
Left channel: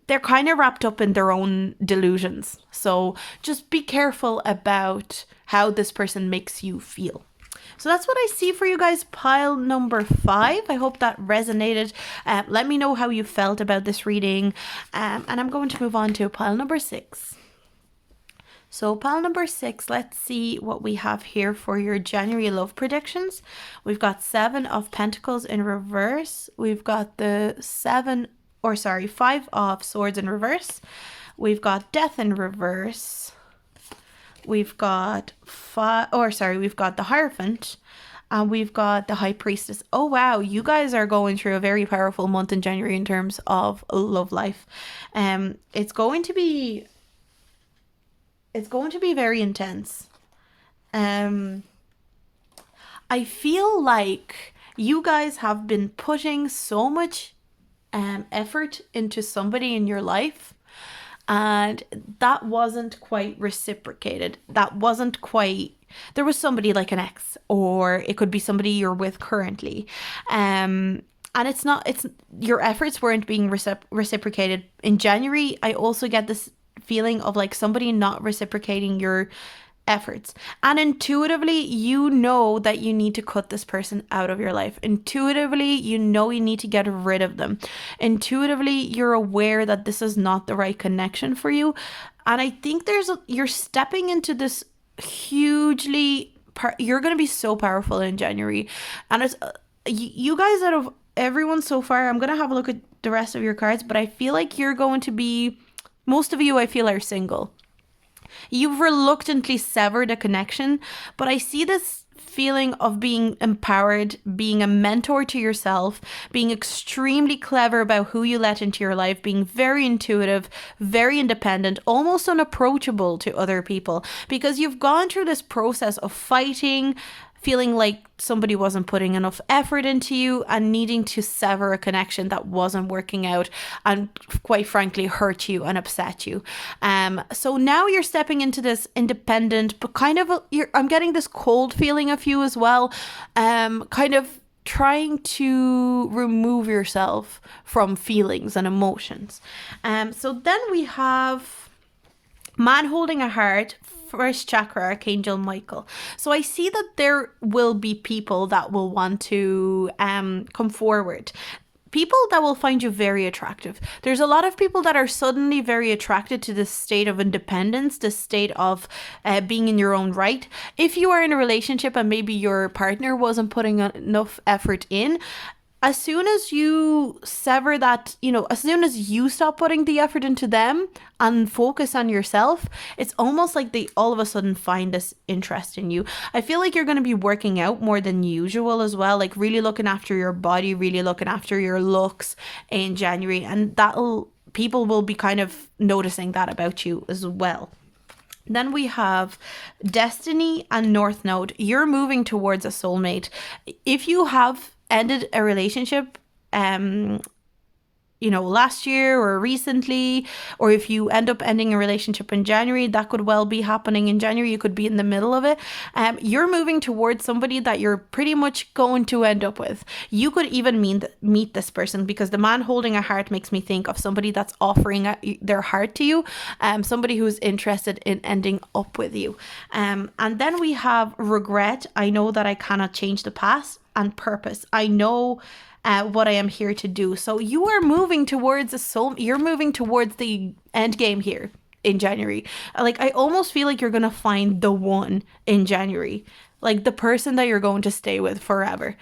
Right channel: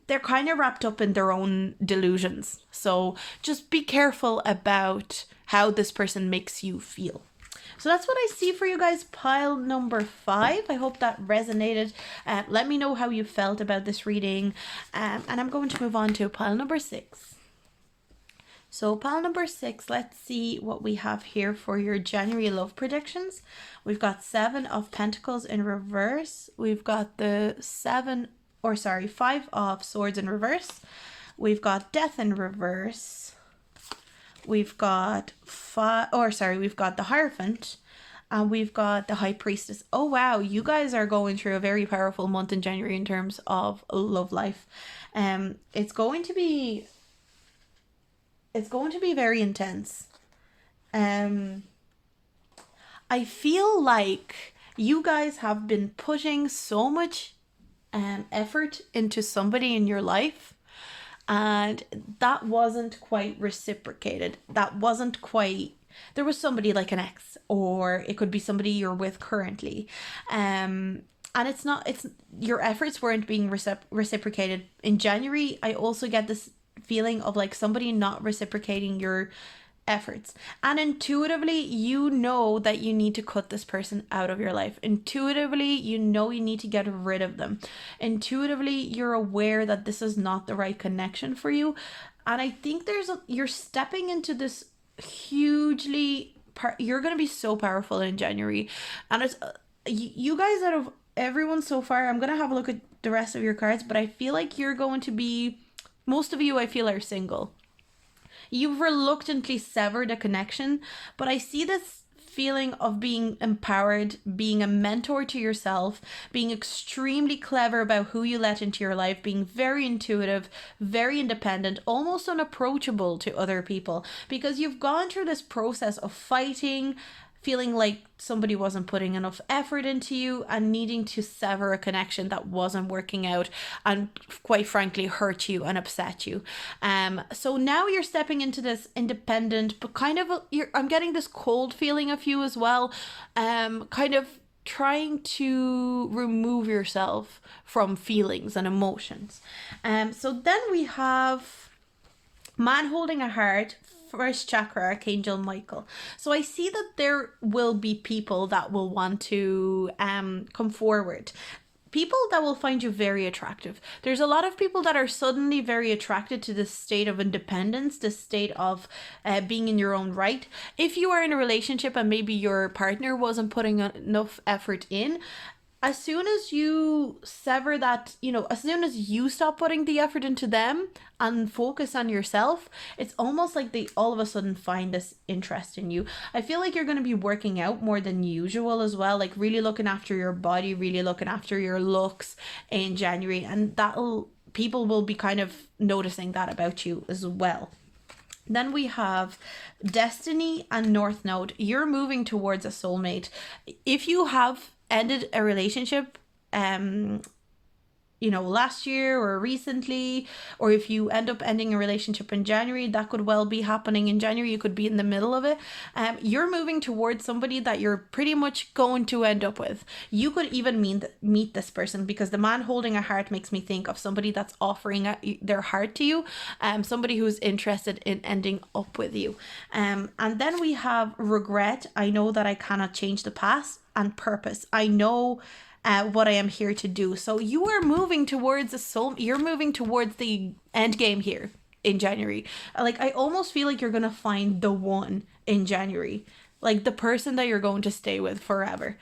they're kind of wrapped up in their own delusions. So just be careful about how this person makes you feel. So that's what I see for you guys, pile number 5. I hope that resonated. Let me know how you felt about this reading. And I'm going to move on to pile number 6. So pile number 6, let's see what we have here for your January love predictions. We've got 7 of Pentacles in reverse. We've got the 5 of Swords in reverse. We've got Death in reverse. We've got we've got the Hierophant, and we've got the High Priestess. Oh wow, you guys are going through a very powerful month in January in terms of love life. It's going to be very intense. I feel like you guys have been putting so much effort into somebody in your life, and that wasn't quite reciprocated. There was somebody like an ex, or it could be somebody you're with currently. And your efforts weren't being reciprocated. In January, I also get this feeling of like somebody not reciprocating your efforts, and intuitively you know that you need to cut this person out of your life. Intuitively you know you need to get rid of them. Intuitively you're aware that this is not the right connection for you, and I think you're stepping into this you're going to be so powerful in January. And it's you guys, out of everyone so far, I'm going to have a look at the rest of your cards, but I feel like you're going to be, most of you I feel are single. You've reluctantly severed a connection, but I see this feeling of being empowered, being a mentor to yourself, being extremely clever about who you let into your life, being very intuitive, very independent, almost unapproachable to other people, because you've gone through this process of fighting, feeling like somebody wasn't putting enough effort into you, and needing to sever a connection that wasn't working out and quite frankly hurt you and upset you. So now you're stepping into this independent, but kind of I'm getting this cold feeling of you as well, kind of trying to remove yourself from feelings and emotions. So then we have Man Holding a Heart, first chakra, Archangel Michael. So I see that there will be people that will want to come forward. People that will find you very attractive. There's a lot of people that are suddenly very attracted to this state of independence, this state of being in your own right. If you are in a relationship and maybe your partner wasn't putting enough effort in, as soon as you sever that, as soon as you stop putting the effort into them and focus on yourself, it's almost like they all of a sudden find this interest in you. I feel like you're going to be working out more than usual as well, like really looking after your body, really looking after your looks in January, and people will be kind of noticing that about you as well. Then we have Destiny and North Node. You're moving towards a soulmate. If you have ended a relationship last year or recently, or if you end up ending a relationship in January, that could well be happening in January. You could be in the middle of it. You're moving towards somebody that you're pretty much going to end up with. You could even meet this person, because the Man Holding a Heart makes me think of somebody that's offering their heart to you, somebody who's interested in ending up with you. And then we have Regret. I know that I cannot change the past, and Purpose. I know what I am here to do. So you are moving towards you're moving towards the end game here in January. Like, I almost feel like you're gonna find the one in January, like the person that you're going to stay with forever.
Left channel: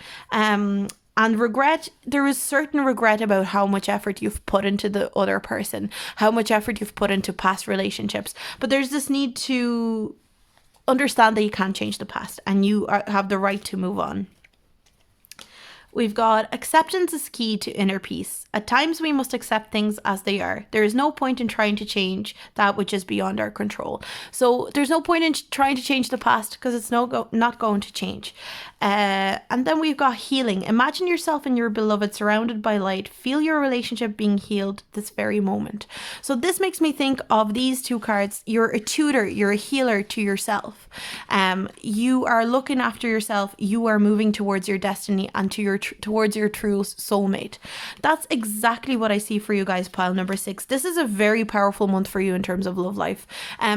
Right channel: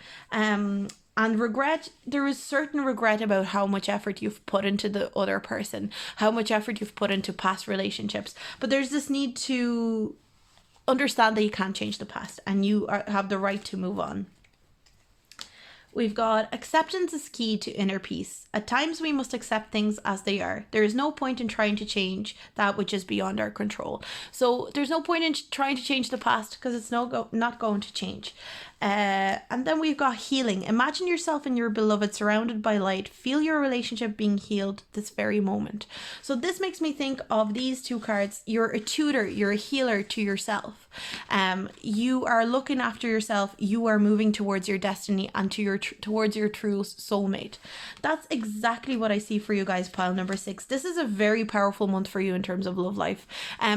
And regret, there is certain regret about how much effort you've put into the other person, how much effort you've put into past relationships. But there's this need to understand that you can't change the past, and you have the right to move on. We've got acceptance is key to inner peace. At times we must accept things as they are. There is no point in trying to change that which is beyond our control. So there's no point in trying to change the past, because it's not going to change. And then we've got healing. Imagine yourself and your beloved surrounded by light. Feel your relationship being healed this very moment. So this makes me think of these two cards. You're a tutor, you're a healer to yourself. You are looking after yourself. You are moving towards your destiny and towards your true soulmate. That's exactly what I see for you guys, pile number 6. This is a very powerful month for you in terms of love life.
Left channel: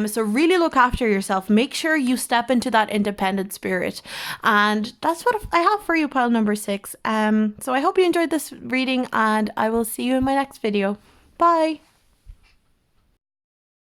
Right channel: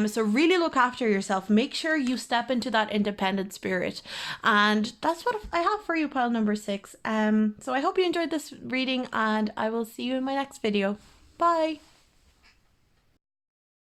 So really look after yourself. Make sure you step into that independent spirit. And that's what I have for you, pile number 6. So I hope you enjoyed this reading, and I will see you in my next video. Bye.